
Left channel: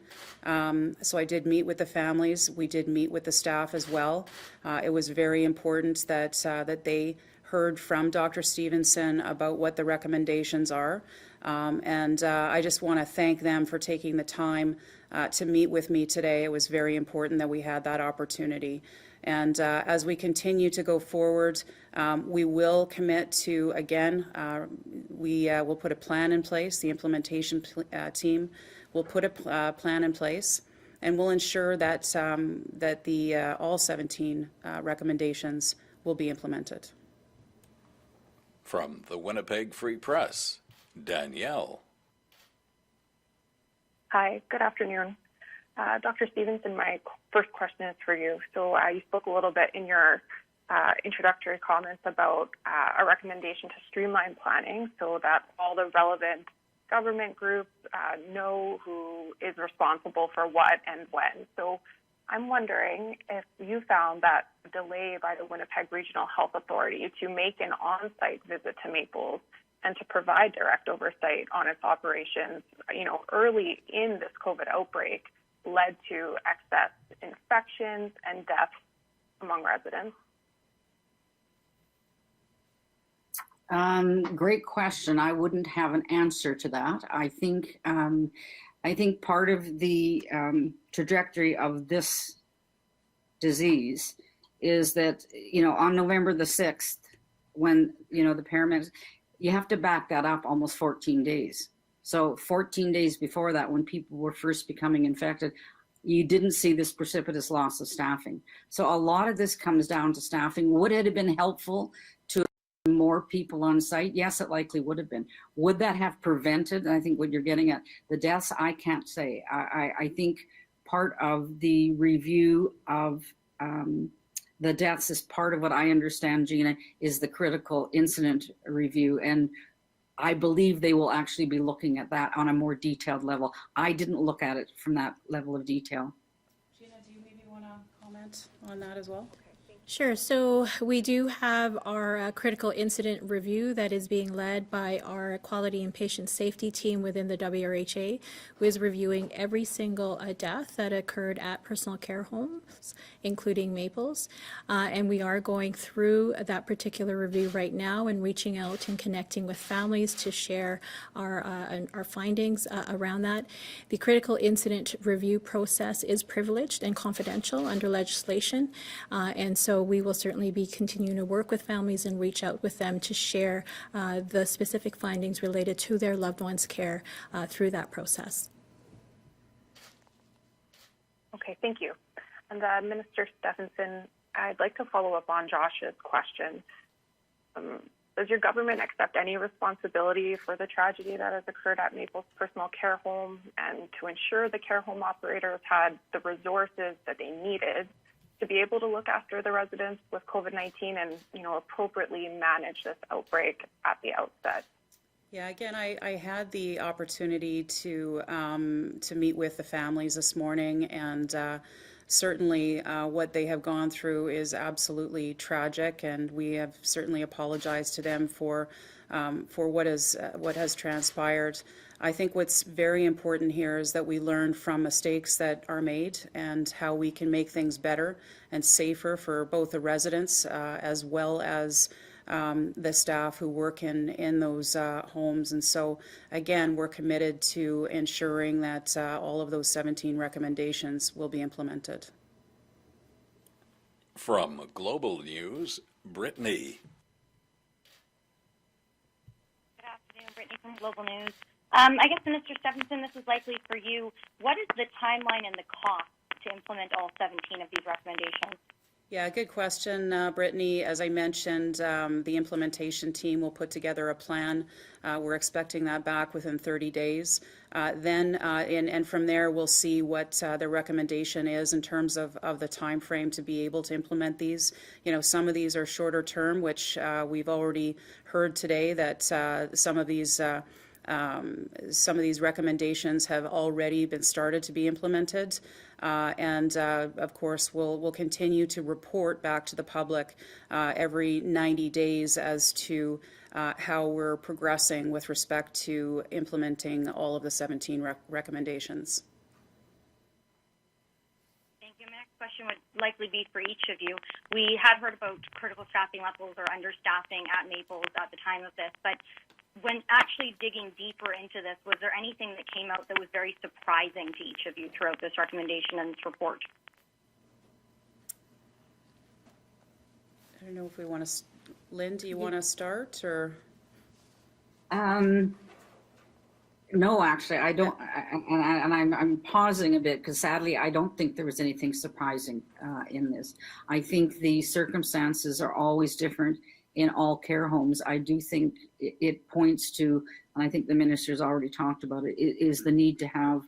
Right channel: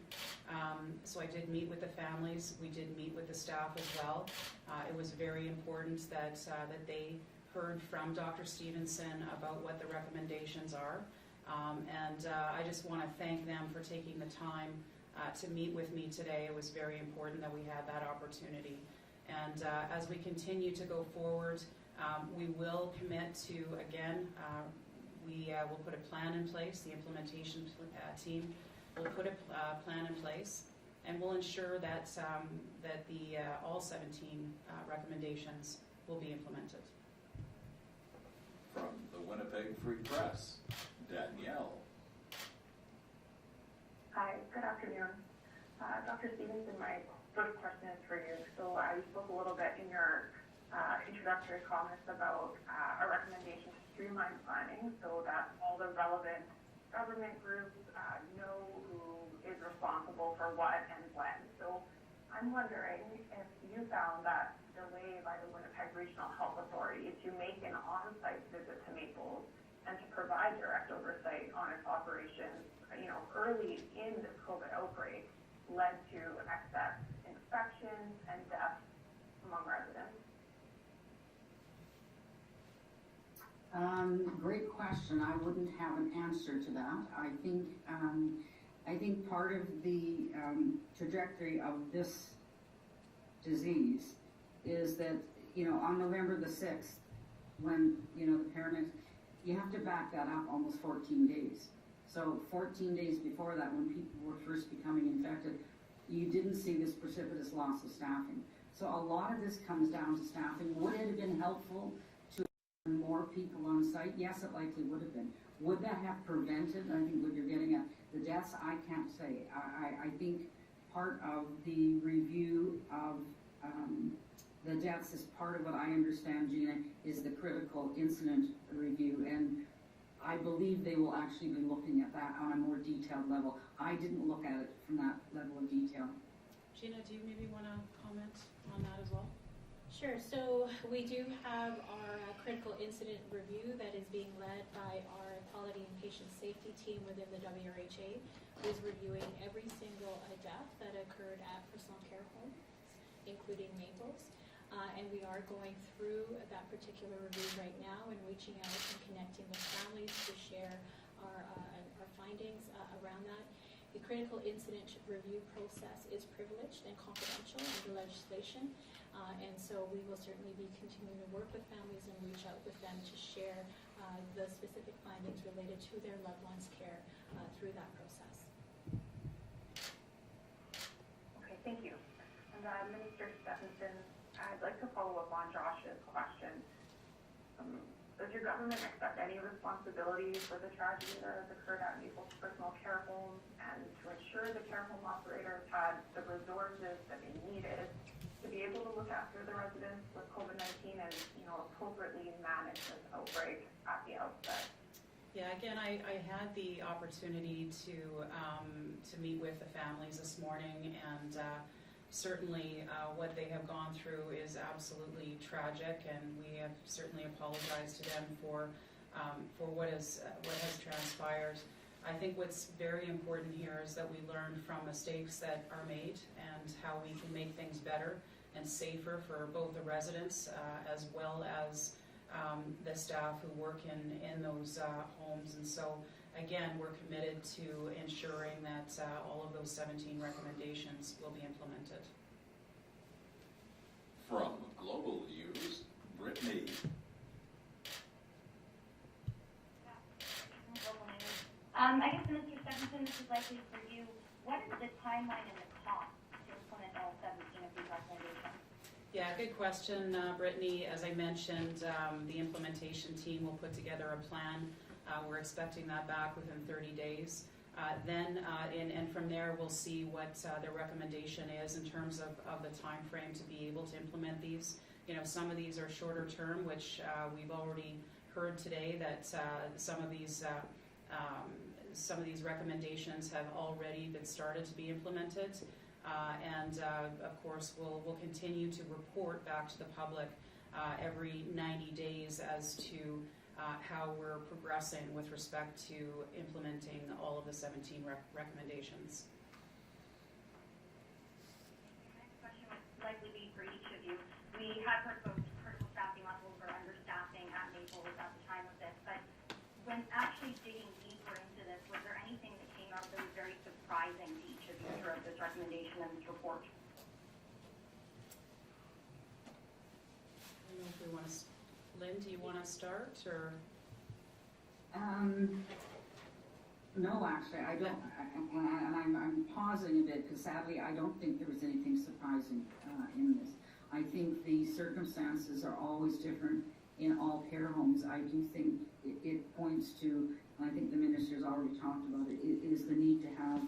So I did meet with the families. We did meet with the staff as well. It was very important that they heard from Dr. Stevenson about what the recommendations are. And I just want to thank them for taking the time to meet with me today. It was very important that we had that opportunity. And as we continue to go forward, we will commit to, again, we will put a plan in place. The implementation team will put a plan in place, and we'll ensure that that all 17 recommendations will be implemented. From the Winnipeg Free Press, Danielle. Hi, good afternoon. Dr. Stevenson, my first question is for you. So you spoke a little bit in your introductory comments about a recommendation to streamline planning so that all the relevant government groups know who is responsible for what and when. So I'm wondering if you found that delay by the Winnipeg Regional Health Authority to make an on-site visit to Maples and to provide direct oversight on its operations, early in this COVID outbreak led to excess infections and deaths among residents? Great question. I wouldn't have an answer to that. I think part of the trajectory of this disease is that, on November the 6th, when, the paramedics, you have to back that up almost 14 days. So 14 days before that, when people were first becoming infected, you didn't see this precipitous loss of staffing. So a lot of this comes down to staffing. Would it have been helpful to have more people on site? Yes, it likely would have been. Would that have prevented, I think what you're getting at, the deaths? I can't say. I think part of the review of the deaths is part of what I understand, Gina, is the critical incident review. And I believe they will actually be looking at that on a more detailed level. I didn't look at it from that level of detail. Gina, do you maybe want to comment on that as well? Sure. So we do have our critical incident review that is being led by our quality and patient safety team within the WRHA, who is reviewing every single death that occurred at personal care homes, including Maples. And we are going through that particular review right now and reaching out and connecting with families to share our findings around that. The critical incident review process is privileged and confidential under legislation. And so we will certainly be continuing to work with families and reach out with them to share the specific findings related to their loved one's care through that process. Okay, thank you. And Minister Stefanson, I'd like to follow up on Josh's question. Does your government accept any responsibility for the tragedy that has occurred at Maples Personal Care Home, and to ensure the care home operators had the resources that they needed to be able to look after the residents with COVID-19 and, appropriately manage this outbreak at the outset? Yeah, again, I had the opportunity to meet with the families this morning, and certainly what they have gone through is absolutely tragic, and we have certainly apologized to them for what has transpired. I think what's very important here is that we learn from mistakes that are made and how we can make things better and safer for both the residents as well as the staff who work in those homes. And so, again, we're committed to ensuring that all of those 17 recommendations will be implemented. From Global News, Brittany. Good afternoon, Brittany from Global News. I guess, Minister Stefanson, this is likely for you. What is the timeline and the cost to implement all 17 of these recommendations? Yeah, good question, Brittany. As I mentioned, the implementation team will put together a plan. We're expecting that back within 30 days. And from there, we'll see what the recommendation is in terms of the time frame to be able to implement these. Some of these are shorter term, which we've already heard today that some of these recommendations have already been started to be implemented. And of course, we'll continue to report back to the public every 90 days as to how we're progressing with respect to implementing all of the 17 recommendations. Thank you. My next question would likely be for each of you. We had heard about critical staffing levels or understaffing at Maples at the time of this, but when actually digging deeper into this, was there anything that came out that was very surprising to each of you throughout this recommendation and this report? I don't know if we want to, Lynn, do you want to start, or? No, actually, I don't, and I'm pausing a bit because sadly, I don't think there was anything surprising in this. I think the circumstances are always different in all care homes. I do think it points to, and I think the minister's already talked about it, is the need to have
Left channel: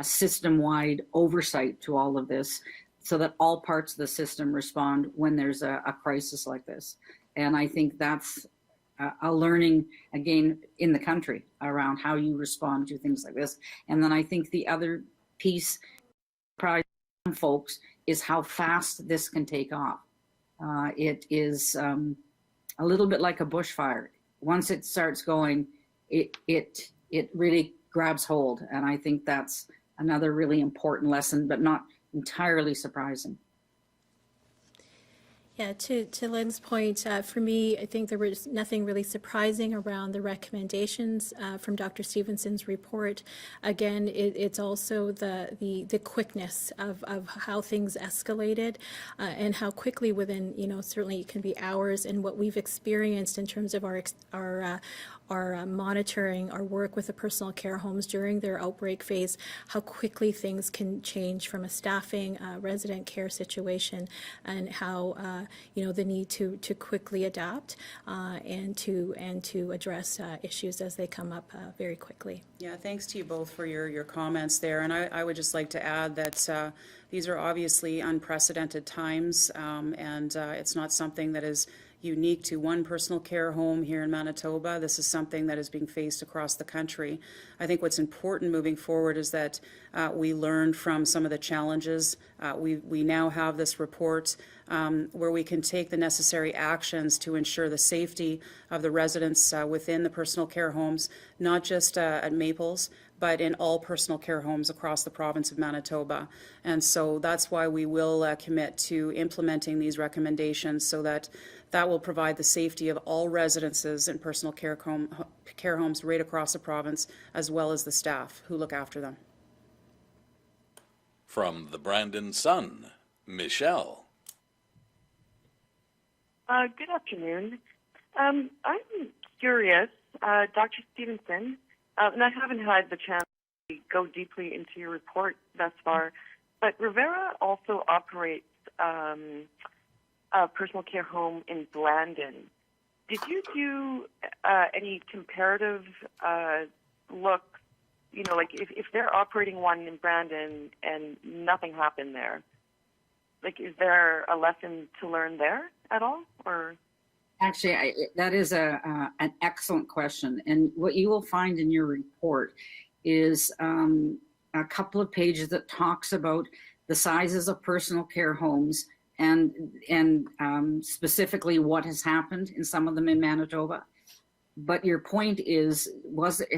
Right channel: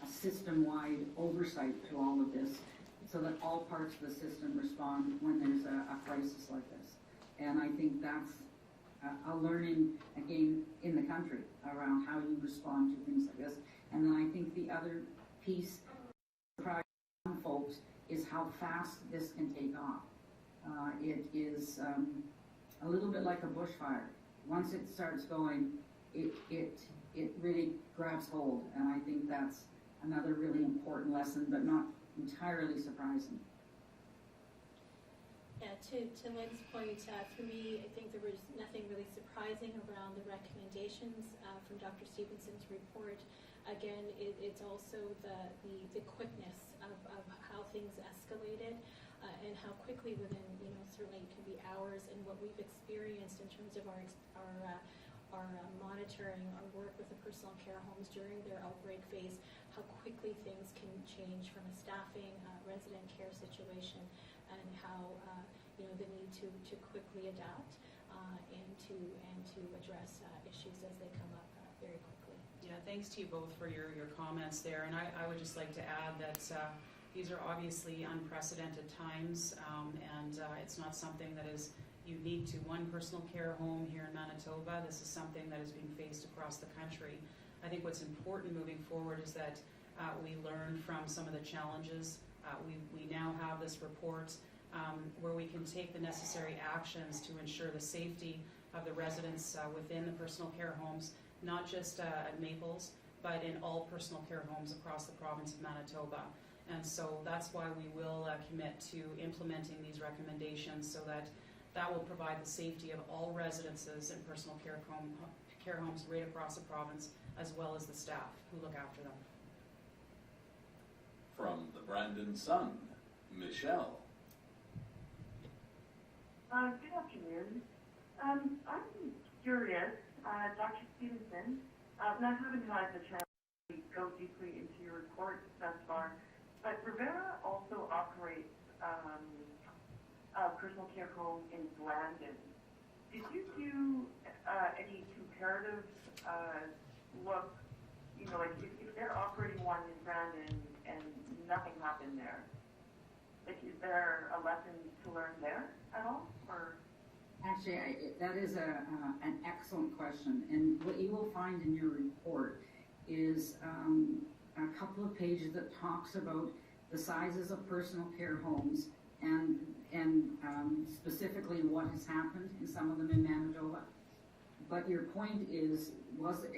a system-wide oversight to all of this so that all parts of the system respond when there's a crisis like this. And I think that's a learning, again, in the country around how you respond to things like this. And then I think the other piece, probably folks, is how fast this can take off. It is a little bit like a bushfire. Once it starts going, it really grabs hold. And I think that's another really important lesson, but not entirely surprising. Yeah, to Lynn's point, for me, I think there was nothing really surprising around the recommendations from Dr. Stevenson's report. Again, it's also the quickness of how things escalated and how quickly within, certainly it can be hours, and what we've experienced in terms of our monitoring, our work with the personal care homes during their outbreak phase, how quickly things can change from a staffing, resident care situation, and how the need to quickly adapt and to address issues as they come up very quickly. Yeah, thanks to you both for your comments there, and I would just like to add that these are obviously unprecedented times, and it's not something that is unique to one personal care home here in Manitoba. This is something that is being faced across the country. I think what's important moving forward is that we learn from some of the challenges. We now have this report where we can take the necessary actions to ensure the safety of the residents within the personal care homes, not just at Maples, but in all personal care homes across the province of Manitoba. And so that's why we will commit to implementing these recommendations so that will provide the safety of all residences in personal care homes right across the province, as well as the staff who look after them. From the Brandon Sun, Michelle. Good afternoon. I'm curious, Dr. Stevenson, and I haven't had the chance to go deeply into your report thus far, but Rivera also operates a personal care home in Blandon. Did you do any comparative look, like if they're operating one in Brandon and nothing happened there, like is there a lesson to learn there at all, or? Actually, that is an excellent question. And what you will find in your report is a couple of pages that talks about the sizes of personal care homes and specifically what has happened in some of them in Manitoba. But your point is,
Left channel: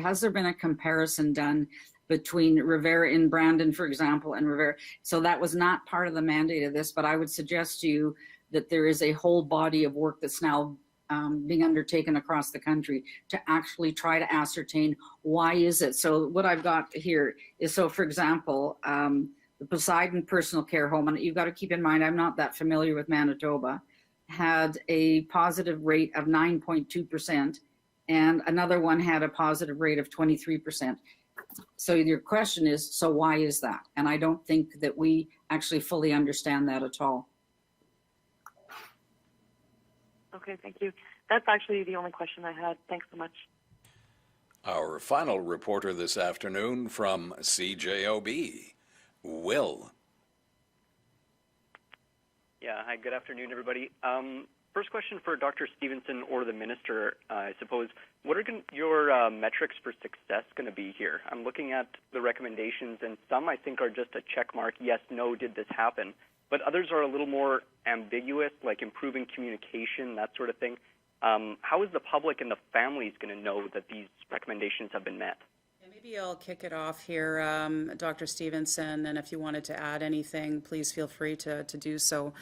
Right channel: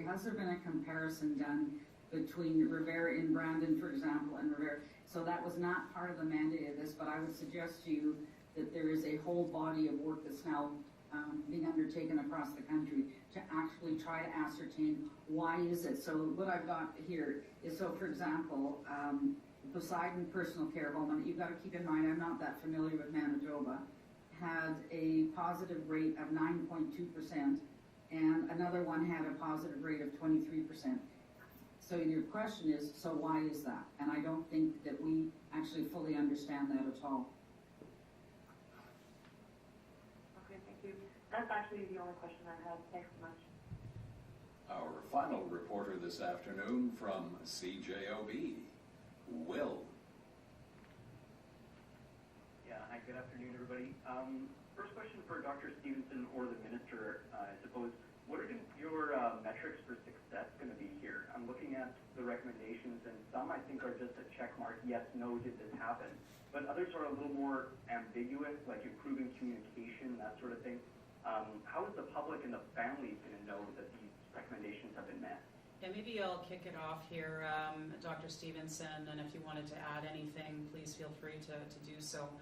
has there been a comparison done between Rivera in Brandon, for example, and Rivera? So that was not part of the mandate of this, but I would suggest to you that there is a whole body of work that's now being undertaken across the country to actually try to ascertain why is it. So what I've got here is, so for example, the Poseidon Personal Care Home, and you've got to keep in mind, I'm not that familiar with Manitoba, had a positive rate of 9.2%, and another one had a positive rate of 23%. So your question is, so why is that? And I don't think that we actually fully understand that at all. Okay, thank you. That's actually the only question I had. Thanks so much. Our final reporter this afternoon from CJOB, Will. Yeah, hi, good afternoon, everybody. First question for Dr. Stevenson or the Minister, I suppose. What are your metrics for success going to be here? I'm looking at the recommendations, and some I think are just a check mark, yes, no, did this happen? But others are a little more ambiguous, like improving communication, that sort of thing. How is the public and the families going to know that these recommendations have been met? Yeah, maybe I'll kick it off here, Dr. Stevenson, and if you wanted to add anything, please feel free to do so.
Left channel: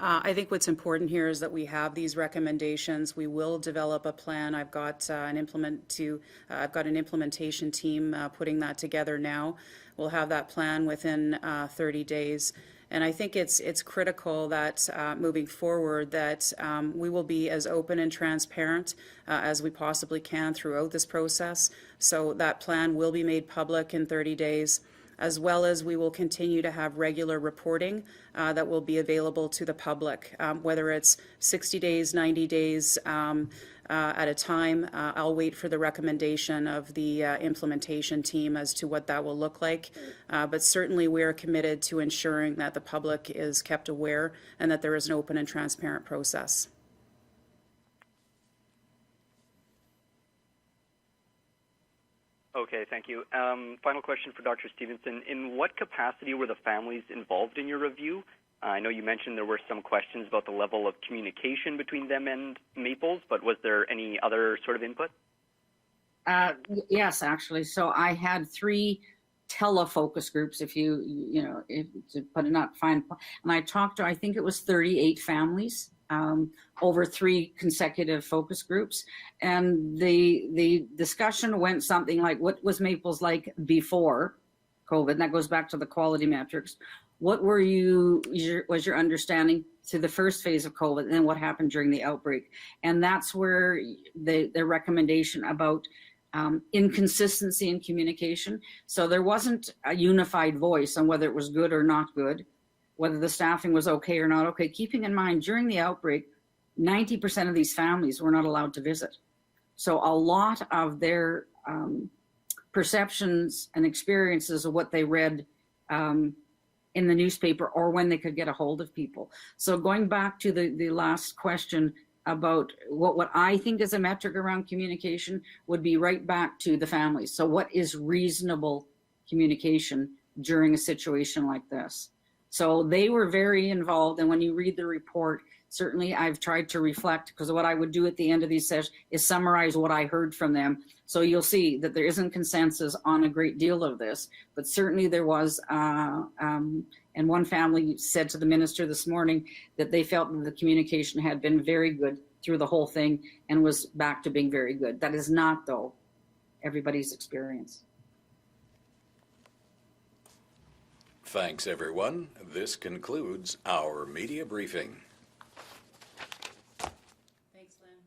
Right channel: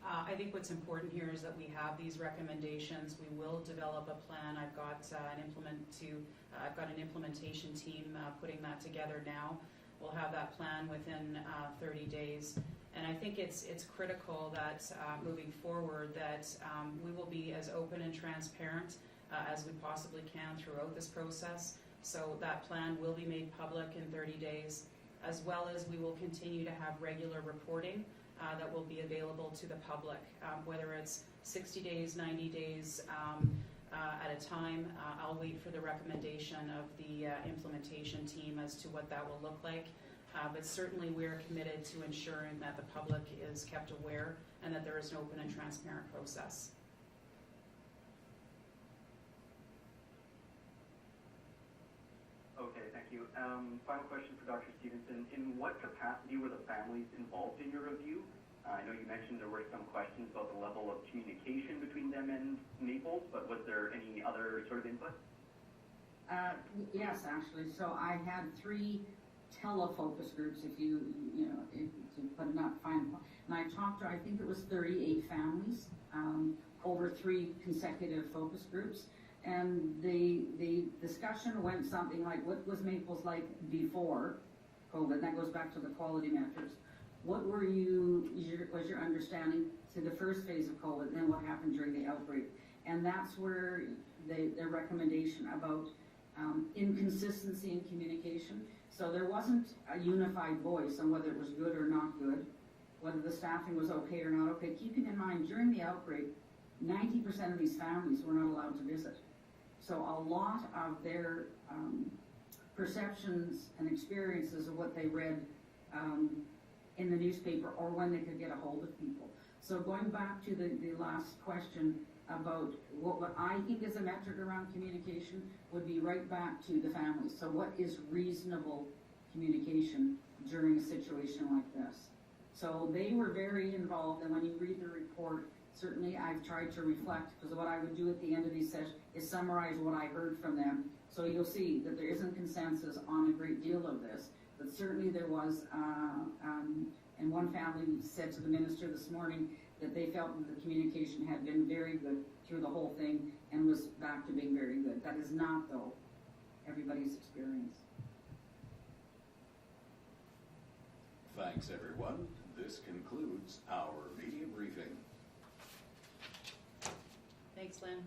I think what's important here is that we have these recommendations. We will develop a plan. I've got an implementation team putting that together now. We'll have that plan within 30 days. And I think it's critical that moving forward that we will be as open and transparent as we possibly can throughout this process. So that plan will be made public in 30 days, as well as we will continue to have regular reporting that will be available to the public, whether it's 60 days, 90 days, at a time. I'll wait for the recommendation of the implementation team as to what that will look like. But certainly we are committed to ensuring that the public is kept aware and that there is an open and transparent process. Okay, thank you. Final question for Dr. Stefanson. In what capacity were the families involved in your review? I know you mentioned there were some questions about the level of communication between them and Maples, but was there any other sort of input? Yes, actually. So I had 3 telefocus groups, if to put it not fine. And I talked to, I think it was 38 families over 3 consecutive focus groups. And the discussion went something like, what was Maples like before COVID? And that goes back to the quality metrics. What were was your understanding through the first phase of COVID, and then what happened during the outbreak? And that's where the recommendation about inconsistency in communication. So there wasn't a unified voice on whether it was good or not good, whether the staffing was okay or not okay. Keeping in mind, during the outbreak, 90% of these families were not allowed to visit. So a lot of their perceptions and experiences of what they read in the newspaper or when they could get a hold of people. So going back to the last question about what I think is a metric around communication would be right back to the families. So what is reasonable communication during a situation like this? So they were very involved, and when you read the report, certainly I've tried to reflect, because what I would do at the end of these sessions is summarize what I heard from them. So you'll see that there isn't consensus on a great deal of this, but certainly there was, and one family said to the minister this morning that they felt that the communication had been very good through the whole thing and was back to being very good. That is not, though, everybody's experience. Thanks, everyone. This concludes our media briefing. Thanks, Lynn.